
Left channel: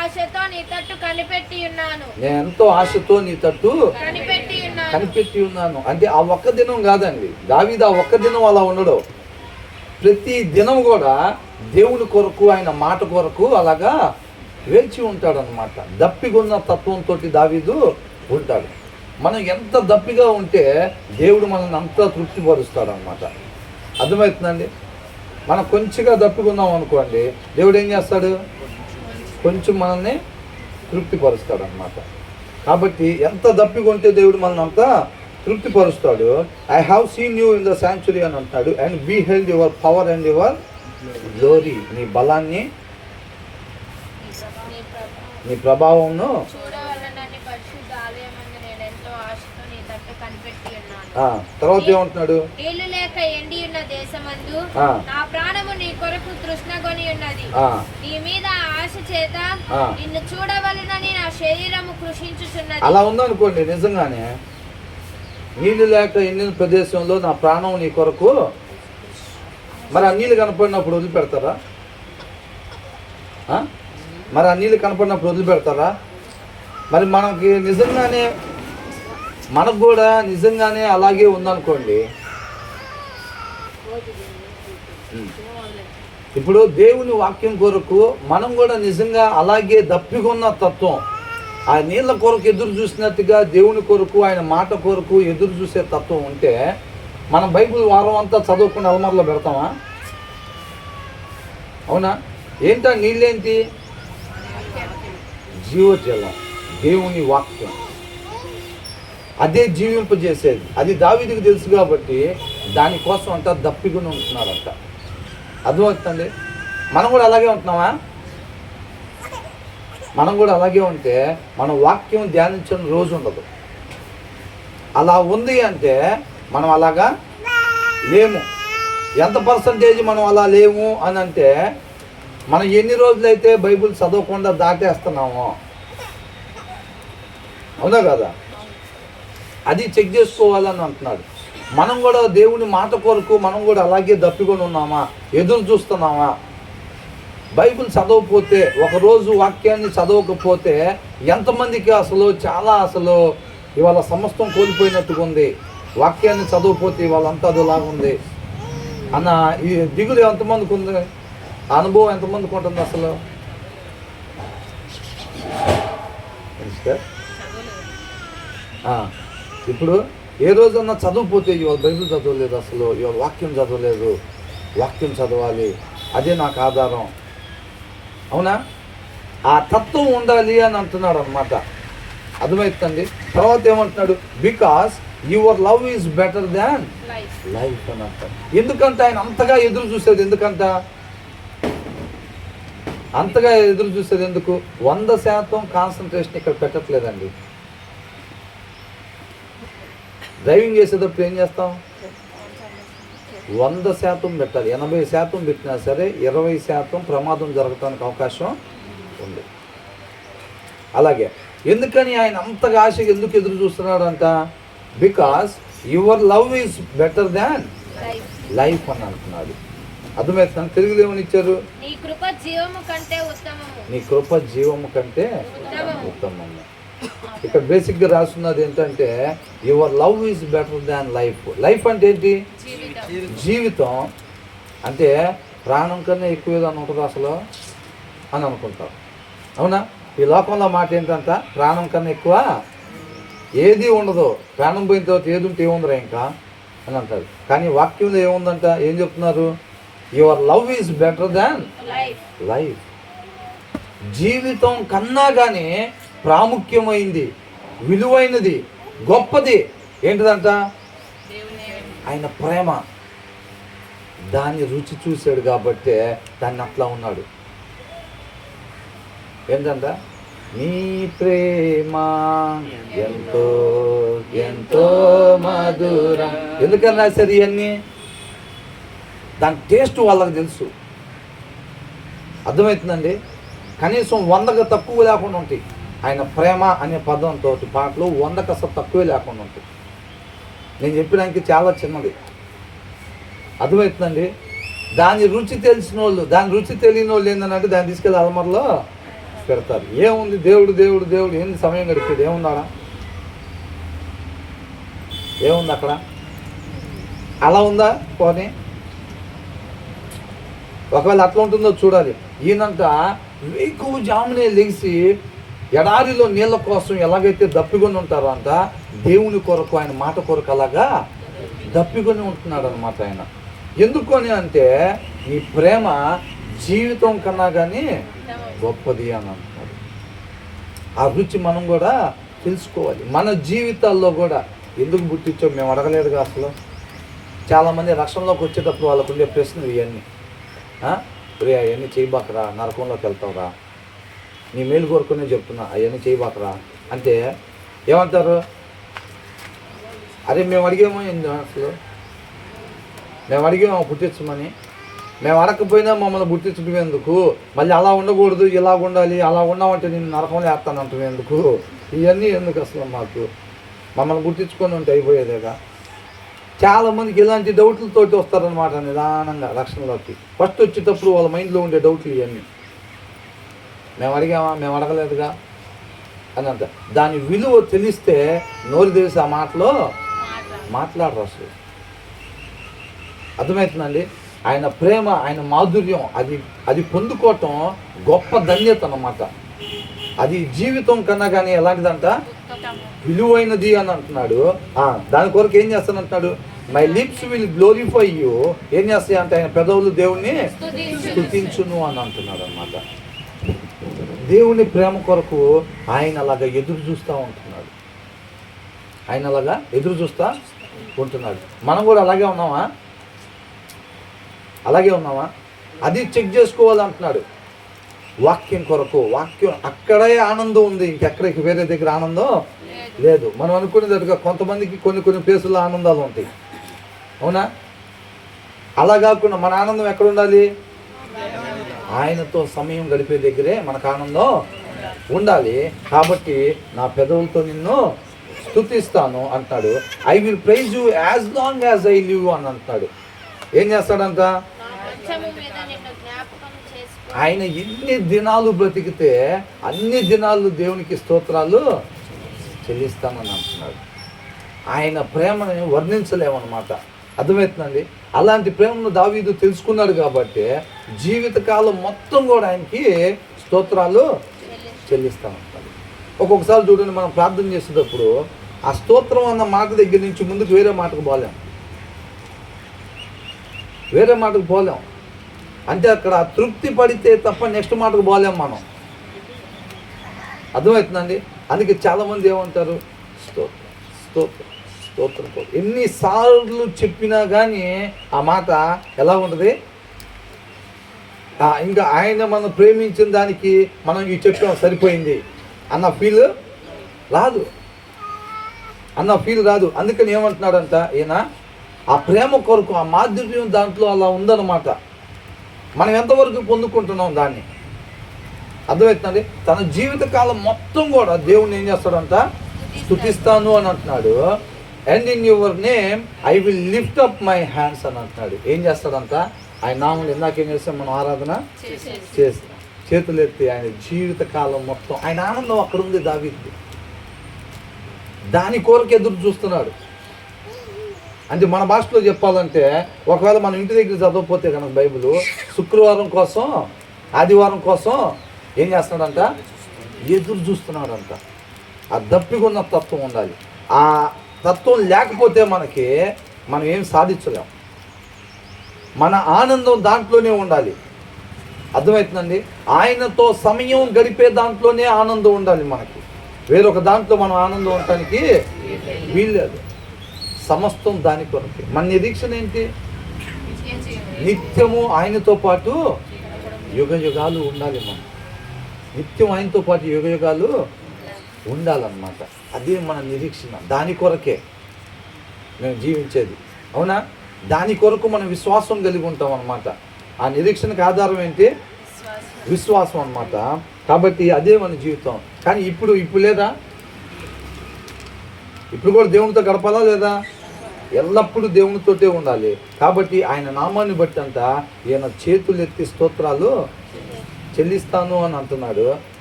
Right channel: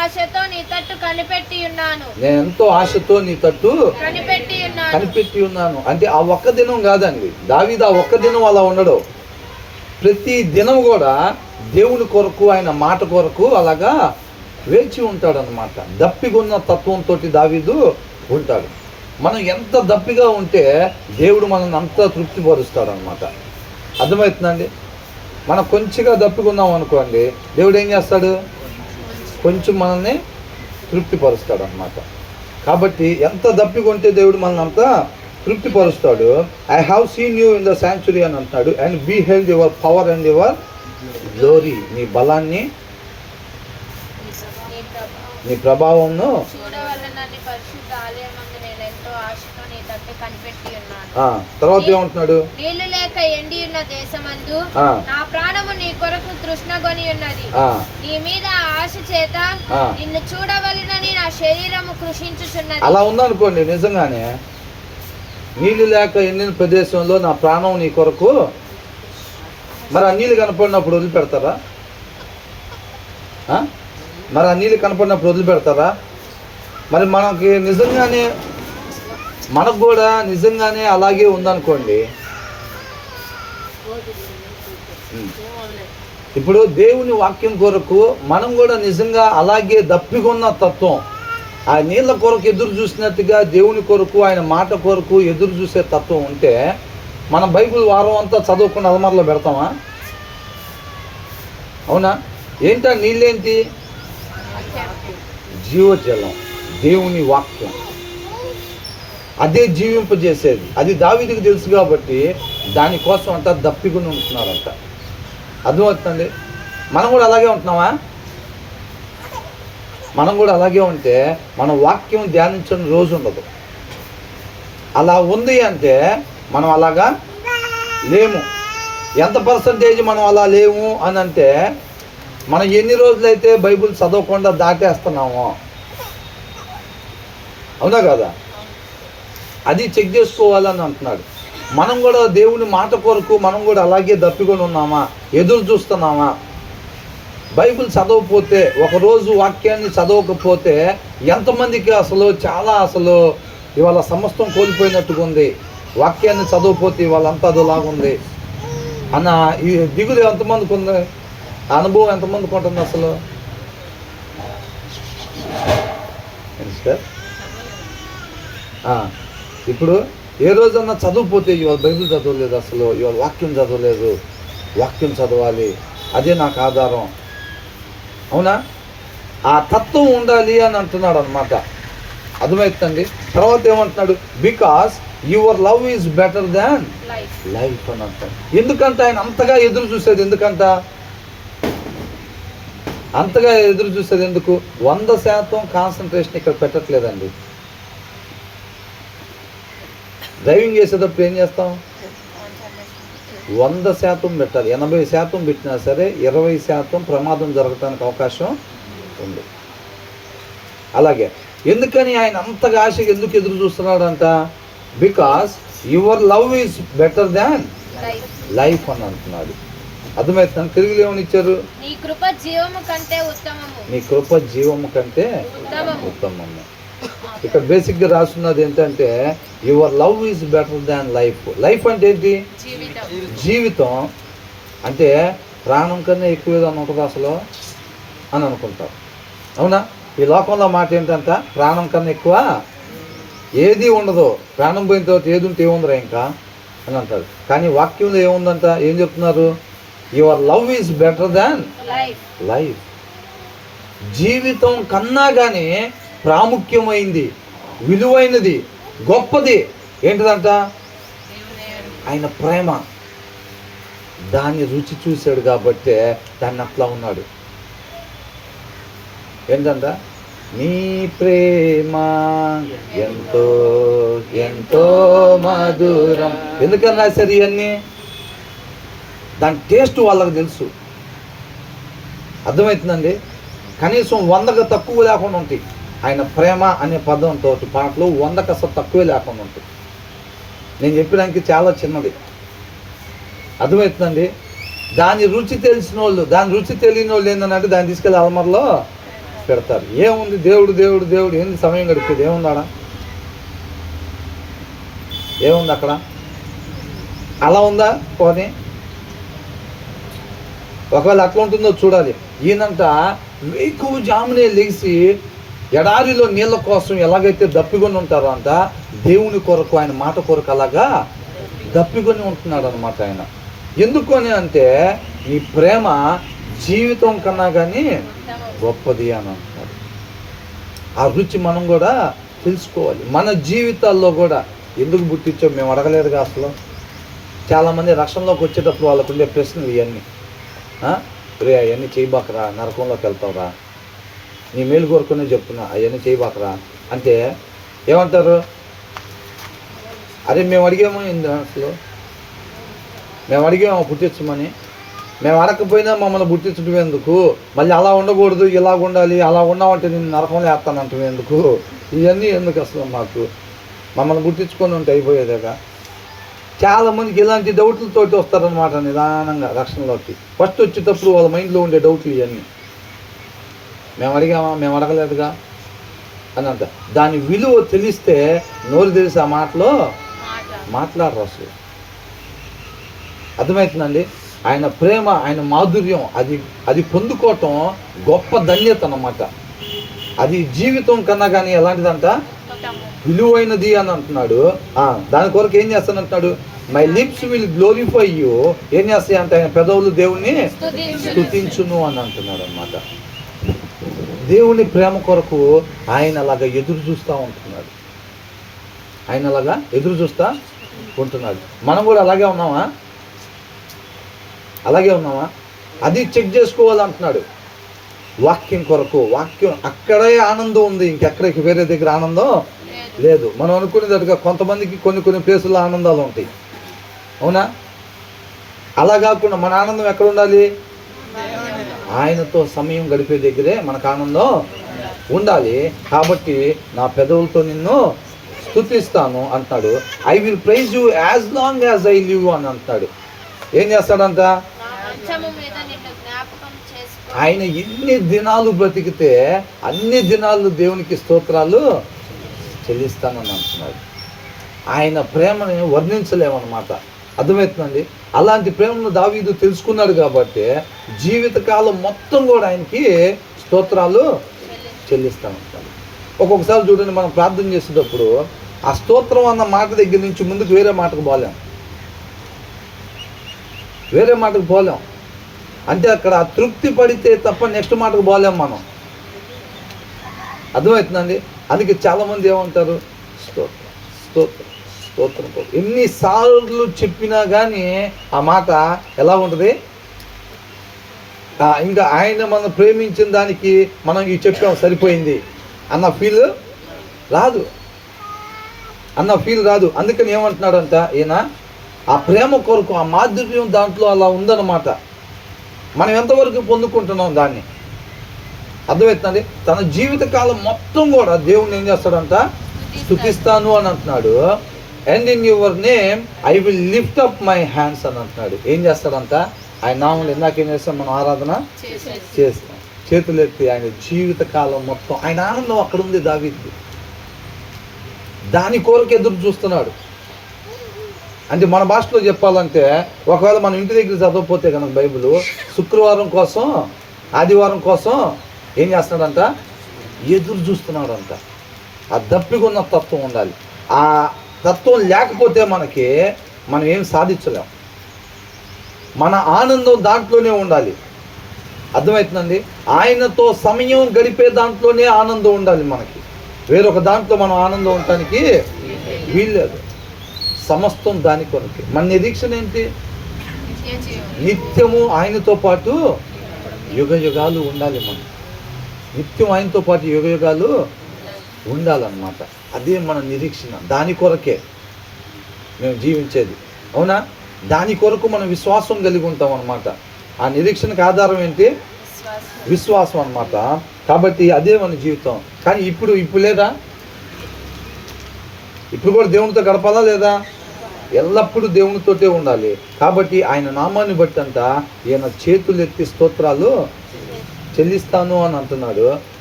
ఆశతో నీ తట్టు కనిపెట్టి ఉన్నాను. నేను ఎంతో ఆశతో నీ తట్టు కనిపెట్టి ఉన్నాను. అంటే ఆ ఒక్క దినం కాదండి, దావీదు ఆ ఒక్క దినం అలా ఉండడు. ప్రతి దినం కూడా దేవుని కొరకు, ఆయన మాట కొరకు అలాగా వేచి ఉంటాడు అన్నమాట. దప్పిగున్న తత్వంతో దావీదు ఉంటాడు. మనం ఎంత దప్పిగా ఉంటే దేవుడు మనల్ని అంత తృప్తిపరుస్తాడు అన్నమాట. అర్థమవుతుందండి? మనం కొంచెంగా దప్పికున్నాం అనుకోండి, దేవుడు ఏం చేస్తాడు? కొంచెం మనల్ని తృప్తిపరుస్తాడు అన్నమాట. కాబట్టి ఎంత దప్పికొంటే దేవుడు మనల్ని అంత తృప్తిపరుస్తాడు. I have seen you in the sanctuary అని అంటున్నాడు. And beheld your power and your glory. నీ బలాన్ని, నీ ప్రభావంను చూడవలనని పరిశుద్ధ ఆలయమందు నేను ఎంతో ఆశతో నీ తట్టు కనిపెట్టి ఉన్నాను. తర్వాత ఏమంటున్నాడు? నీళ్లు లేక ఎండి ఉన్న దేశమందు నా ప్రాణము నీ కొరకు తృష్ణగొని ఉన్నది. నీ మీద ఆశ చేత నిన్ను చూడవలనని నా శరీరము కృషించుచున్నది. అలా ఉందనుకోండి, నిజంగానే నీళ్లు లేక ఎండిన ప్రదేశంలో నా ప్రాణం నీ కొరకు. మరి ఆ నీళ్ళు కనపడినప్పుడు వదిలిపెడతారా? మరి ఆ నీళ్ళు కనపడినప్పుడు వదిలిపెడతారా? మరి మనకు కూడా నిజంగానే అలాగే ఉందనుకోండి. ఇప్పుడు దేవుని వాక్యం కొరకు మనం కూడా నిజంగా అలాగే దప్పికొన్న తత్వం, ఆ నీళ్ళ కొరకు ఎదురు చూసినట్టుగా దేవుని కొరకు, ఆయన మాట కొరకు ఎదురు చూసే తత్వం ఉంటే మనం బైబిల్ వారం అంతా చదువుకుని అలమార్లో పెడతామా? అవునా? ఏంటా నీళ్ళేంటి? జీవజలం, దేవుని వాక్యం. అదే జీవింపజేసేది. అది దావీదుకు తెలుసు కాబట్టి దానికోసం అంట దప్పికొని ఉంటున్నారంట. అర్థమవుతుందండి? మనం కూడా అలాగే ఉంటున్నామా? మనం కూడా అలాగే ఉంటే మనం వాక్యం ధ్యానించని రోజు ఉండదు. అలా ఉంది అంటే మనం అలాగా లేము. ఎంత పర్సంటేజ్ మనం అలా లేము అని అంటే మనం ఎన్ని రోజులైతే బైబిల్ చదవకుండా దాటేస్తున్నామో. అవునా కదా? అది చెక్ చేసుకోవాలని అంటున్నాడు. మనం కూడా దేవుని మాట కొరకు మనం కూడా అలాగే దప్పికొని ఉన్నామా? ఎదురు చూస్తున్నామా? బైబిల్ చదవకపోతే, ఒకరోజు వాక్యాన్ని చదవకపోతే ఎంతమందికి అసలు ఇవాళ సమస్తం కోల్పోయినట్టుగా ఉంది. వాక్యాన్ని చదవకపోతే ఇవాళంతా అదోలాగుంది అన్న ఈ దిగులు ఎంతమందికి ఉంది? అనుభవం ఎంతమందికి ఉంటుంది అసలు? ఇప్పుడు ఏ రోజన్నా చదవకపోతే ఇవాళ బైబిల్ చదవలేదు, అసలు ఇవాళ వాక్యం చదవలేదు, వాక్యం చదవాలి, అదే నాకు ఆధారం. అవునా? ఆ తత్వం ఉండాలి అని అంటున్నాడు అనమాట. అర్థమవుతుందండి? తర్వాత ఏమంటున్నాడు? Because your love is better than life అని అంటాడు. ఎందుకంటే ఆయన అంతగా ఎదురు చూసేది అంతగా ఎదురు చూసేది ఎందుకు? 100% కాన్సన్ట్రేషన్ ఇక్కడ పెట్టట్లేదండి. డ్రైవింగ్ చేసేటప్పుడు ఏం చేస్తాం? 100% పెట్టాలి. 80% పెట్టినా సరే 20% ప్రమాదం జరగటానికి అవకాశం ఉంది. అలాగే ఎందుకని ఆయన అంతగా ఆశగా ఎందుకు ఎదురు చూస్తున్నాడంట? Because your love is better than life అని అంటున్నాడు. అర్థమవుతుంది? తెలుగులో ఏమని ఇచ్చారు? నీ కృప జీవము కంటే ఉత్తమము. ఇక్కడ బేసిక్గా రాస్తున్నది ఏంటంటే your love is better than life. Life అంటే ఏంటి? జీవితం. అంటే ప్రాణం కన్నా ఎక్కువ ఏదైనా ఉంటుంది అసలు అని అనుకుంటాం. అవునా? ఈ లోకంలో మాట ఏంటంట? ప్రాణం కన్నా ఎక్కువ ఏది ఉండదు. ప్రాణం పోయిన తర్వాత ఏది ఉంటే ఏముందిరా ఇంకా అని అంటారు. కానీ వాక్యంలో ఏముందంట? ఏం చెప్తున్నారు? Your love is better than life. జీవితం కన్నా కానీ ప్రాముఖ్యమైంది, విలువైనది, గొప్పది ఏంటిదంట? ఆయన ప్రేమ. దాన్ని రుచి చూశాడు కాబట్టే దాన్ని అట్లా ఉన్నాడు. ఏంటంట? నీ ప్రేమ ఎంతో ఎంతో మధురం. ఎందుకని రాశారు ఇవన్నీ? దాని టేస్ట్ వాళ్ళకి తెలుసు. అర్థమవుతుందండి? కనీసం 100కు తక్కువ లేకుండా ఉంటాయి. ఆయన ప్రేమ అనే పదంతో పాటలు 100కు అసలు తక్కువే లేకుండా ఉంటాయి. నేను చెప్పడానికి చాలా చిన్నది. అర్థమవుతుందండి? దాని రుచి తెలిసిన వాళ్ళు, దాని రుచి తెలియని వాళ్ళు ఏంటంటే దాన్ని తీసుకెళ్ళి అలమరలో పెడతారు. ఏముంది దేవుడు దేవుడు దేవుడు ఏంది సమయం గడిపేది? ఏముందాడా? ఏముంది అక్కడ? అలా ఉందా పోనీ? ఒకవేళ అట్లా ఉంటుందో చూడాలి. ఈయనంట వేకువ జామునే లేచి ఎడారిలో నీళ్ళ కోసం ఎలాగైతే దప్పికొని ఉంటారో అంట దేవుని కొరకు, ఆయన మాట కొరకు అలాగా దప్పికొని ఉంటున్నాడు అనమాట ఆయన. ఎందుకు అని అంటే ఈ ప్రేమ జీవితం కన్నా కానీ గొప్పది అని అంటున్నాడు. ఆ రుచి మనం కూడా తెలుసుకోవాలి. మన జీవితాల్లో కూడా ఎందుకు పుట్టించో మేము అడగలేదుగా అసలు. చాలామంది రక్షణలోకి వచ్చేటప్పుడు వాళ్ళకు ఉండే ప్రశ్నలు ఇవన్నీ. రే అవన్నీ చేయబాకరా, నరకంలోకి వెళ్తావురా, నీ మేలు కోరుకునే చెప్తున్నా, అవన్నీ చేయబాకరా అంటే ఏమంటారు? అరే మేము అడిగాము ఏంది అసలు? మేము అడిగాము పుట్టించమని. మేము అడగకపోయినా మమ్మల్ని పుట్టించడం ఎందుకు? మళ్ళీ అలా ఉండకూడదు, ఇలా ఉండాలి, అలా ఉన్నామంటే నేను నరకంలో వేస్తానంటాం ఎందుకు? ఇవన్నీ ఎందుకు అసలు? మాకు మమ్మల్ని పుట్టించుకొని ఉంటే అయిపోయేదేగా. చాలామందికి ఇలాంటి డౌట్లతోటి వస్తారనమాట నిదానంగా రక్షణలోకి. ఫస్ట్ వచ్చేటప్పుడు వాళ్ళ మైండ్లో ఉండే డౌట్లు ఇవన్నీ. మేము అడిగామా, మేము అడగలేదుగా అని అంట. దాని విలువ తెలిస్తే నోరు తెలిసి ఆ మాటలో మాట్లాడరు అసలు. అర్థమవుతుందండి? ఆయన ప్రేమ, ఆయన మాధుర్యం అది పొందుకోవటం గొప్ప ధన్యత అన్నమాట. అది జీవితం కన్నా కానీ ఎలాంటిదంట? విలువైనది అని అంటున్నాడు. దాని కొరకు ఏం చేస్తానంటున్నాడు? My lips will glorify you. ఏం చేస్తాయి అంటే ఆయన పెదవులు దేవుణ్ణి స్తుతించును అని అంటున్నాడు అనమాట. దేవుని ప్రేమ కొరకు ఆయన అలాగా ఎదురు చూస్తూ ఉంటున్నాడు. ఆయన అలాగా ఎదురు చూస్తూ ఉంటున్నాడు. మనం కూడా అలాగే ఉన్నామా? అలాగే ఉన్నామా? అది చెక్ చేసుకోవాలంటున్నాడు. వాక్యం కొరకు, వాక్యం అక్కడే ఆనందం ఉంది, ఇంకెక్కడికి వేరే దగ్గర ఆనందం లేదు. మనం అనుకునేటట్టుగా కొంతమందికి కొన్ని ప్లేసుల్లో ఆనందాలు ఉంటాయి, అవునా? అలా కాకుండా మన ఆనందం ఎక్కడ ఉండాలి? ఆయనతో సమయం గడిపే దగ్గరే మనకు ఆనందం ఉండాలి. కాబట్టి నా పెదవులతో నిన్ను స్తుతిస్తాను అంటాడు. I will praise you as long as I live అని అంటాడు. ఏం చేస్తాడంట? ఆయన ఎన్ని దినాలు బ్రతికితే అన్ని దినాలు దేవునికి స్తోత్రాలు చెల్లిస్తానని అంటున్నాడు. ఆయన ప్రేమని వర్ణించలేమన్నమాట. అర్థమవుతుందండి? అలాంటి ప్రేమను దావీదు తెలుసుకున్నాడు కాబట్టి జీవితకాలం మొత్తం కూడా ఆయనకి స్తోత్రాలు చెల్లిస్తానంటాడు. ఒక్కొక్కసారి చూడండి, మనం ప్రార్థన చేసేటప్పుడు ఆ స్తోత్రం అన్న మాట దగ్గర నుంచి ముందుకు వేరే మాటకు పోలేం. అంటే అక్కడ తృప్తి పడితే తప్ప నెక్స్ట్ మాటకు పోలేం మనం. అర్థమవుతుందండి? అందుకే చాలామంది ఏమంటారు? స్తోత్రం స్తోత్రం స్తోత్రం. ఎన్నిసార్లు చెప్పినా కానీ ఆ మాట ఎలా ఉంటుంది? ఇంకా ఆయన మనం ప్రేమించిన దానికి మనం ఇది చెప్పాం సరిపోయింది అన్న ఫీల్ రాదు. అందుకని ఏమంటున్నాడంట ఈయన? ఆ ప్రేమ కొరకు, ఆ మాధుర్యం దాంట్లో అలా ఉందన్నమాట. మనం ఎంతవరకు పొందుకుంటున్నాం దాన్ని? అర్థమవుతుందండి? తన జీవితకాలం మొత్తం కూడా దేవుణ్ణి ఏం చేస్తాడంట? స్తుతిస్తాను అని అంటున్నాడు. And in your name I will lift up my hands అని అంటున్నాడు. ఏం చేస్తాడంట? ఆయన నామములు ఇందాకేం చేస్తాం? మనం ఆరాధన చేస్తాం, చేతులు ఎత్తి ఆయన జీవితకాలం మొత్తం ఆయన ఆనందం అక్కడ ఉంది దావీదుకి. దాని కొరకు ఎదురు చూస్తున్నాడు. అంటే మన భాషలో చెప్పాలంటే, ఒకవేళ మనం ఇంటి దగ్గర చదవకపోతే కనుక బైబిల్, శుక్రవారం కోసం, ఆదివారం కోసం ఏం చేస్తున్నాడంట? ఎదురు చూస్తున్నాడంట. ఆ దప్పికున్న తత్వం ఉండాలి. ఆ తత్వం లేకపోతే మనం ఏం సాధించలేం. మన ఆనందం దాంట్లోనే ఉండాలి. అర్థమవుతుందండి? ఆయనతో సమయం గడిపే దాంట్లోనే ఆనందం ఉండాలి మనకి. వేరొక దాంట్లో మనం ఆనందం ఉండటానికి వీల్లేదు. సమస్తం దాని కొరకే. మన నిరీక్షణ ఏంటి? నిత్యము ఆయనతో పాటు యుగ యుగాలు ఉండాలి. మనం నిత్యం ఆయనతో పాటు యుగ యుగాలు ఉండాలన్నమాట. అదే మన నిరీక్షణ. దాని కొరకే మేము జీవించేది, అవునా? దాని కొరకు మనం విశ్వాసం కలిగి ఉంటాం అన్నమాట. ఆ నిరీక్షణకు ఆధారం ఏంటి? విశ్వాసం అన్నమాట. కాబట్టి అదే మన జీవితం. కానీ ఇప్పుడు లేదా? ఇప్పుడు కూడా దేవునితో గడపాలా లేదా? ఎల్లప్పుడూ దేవునితోటే ఉండాలి. కాబట్టి ఆయన నామాన్ని బట్టి అంట ఈయన చేతులు ఎత్తి స్తోత్రాలు చెల్లిస్తాను అని అంటున్నాడు.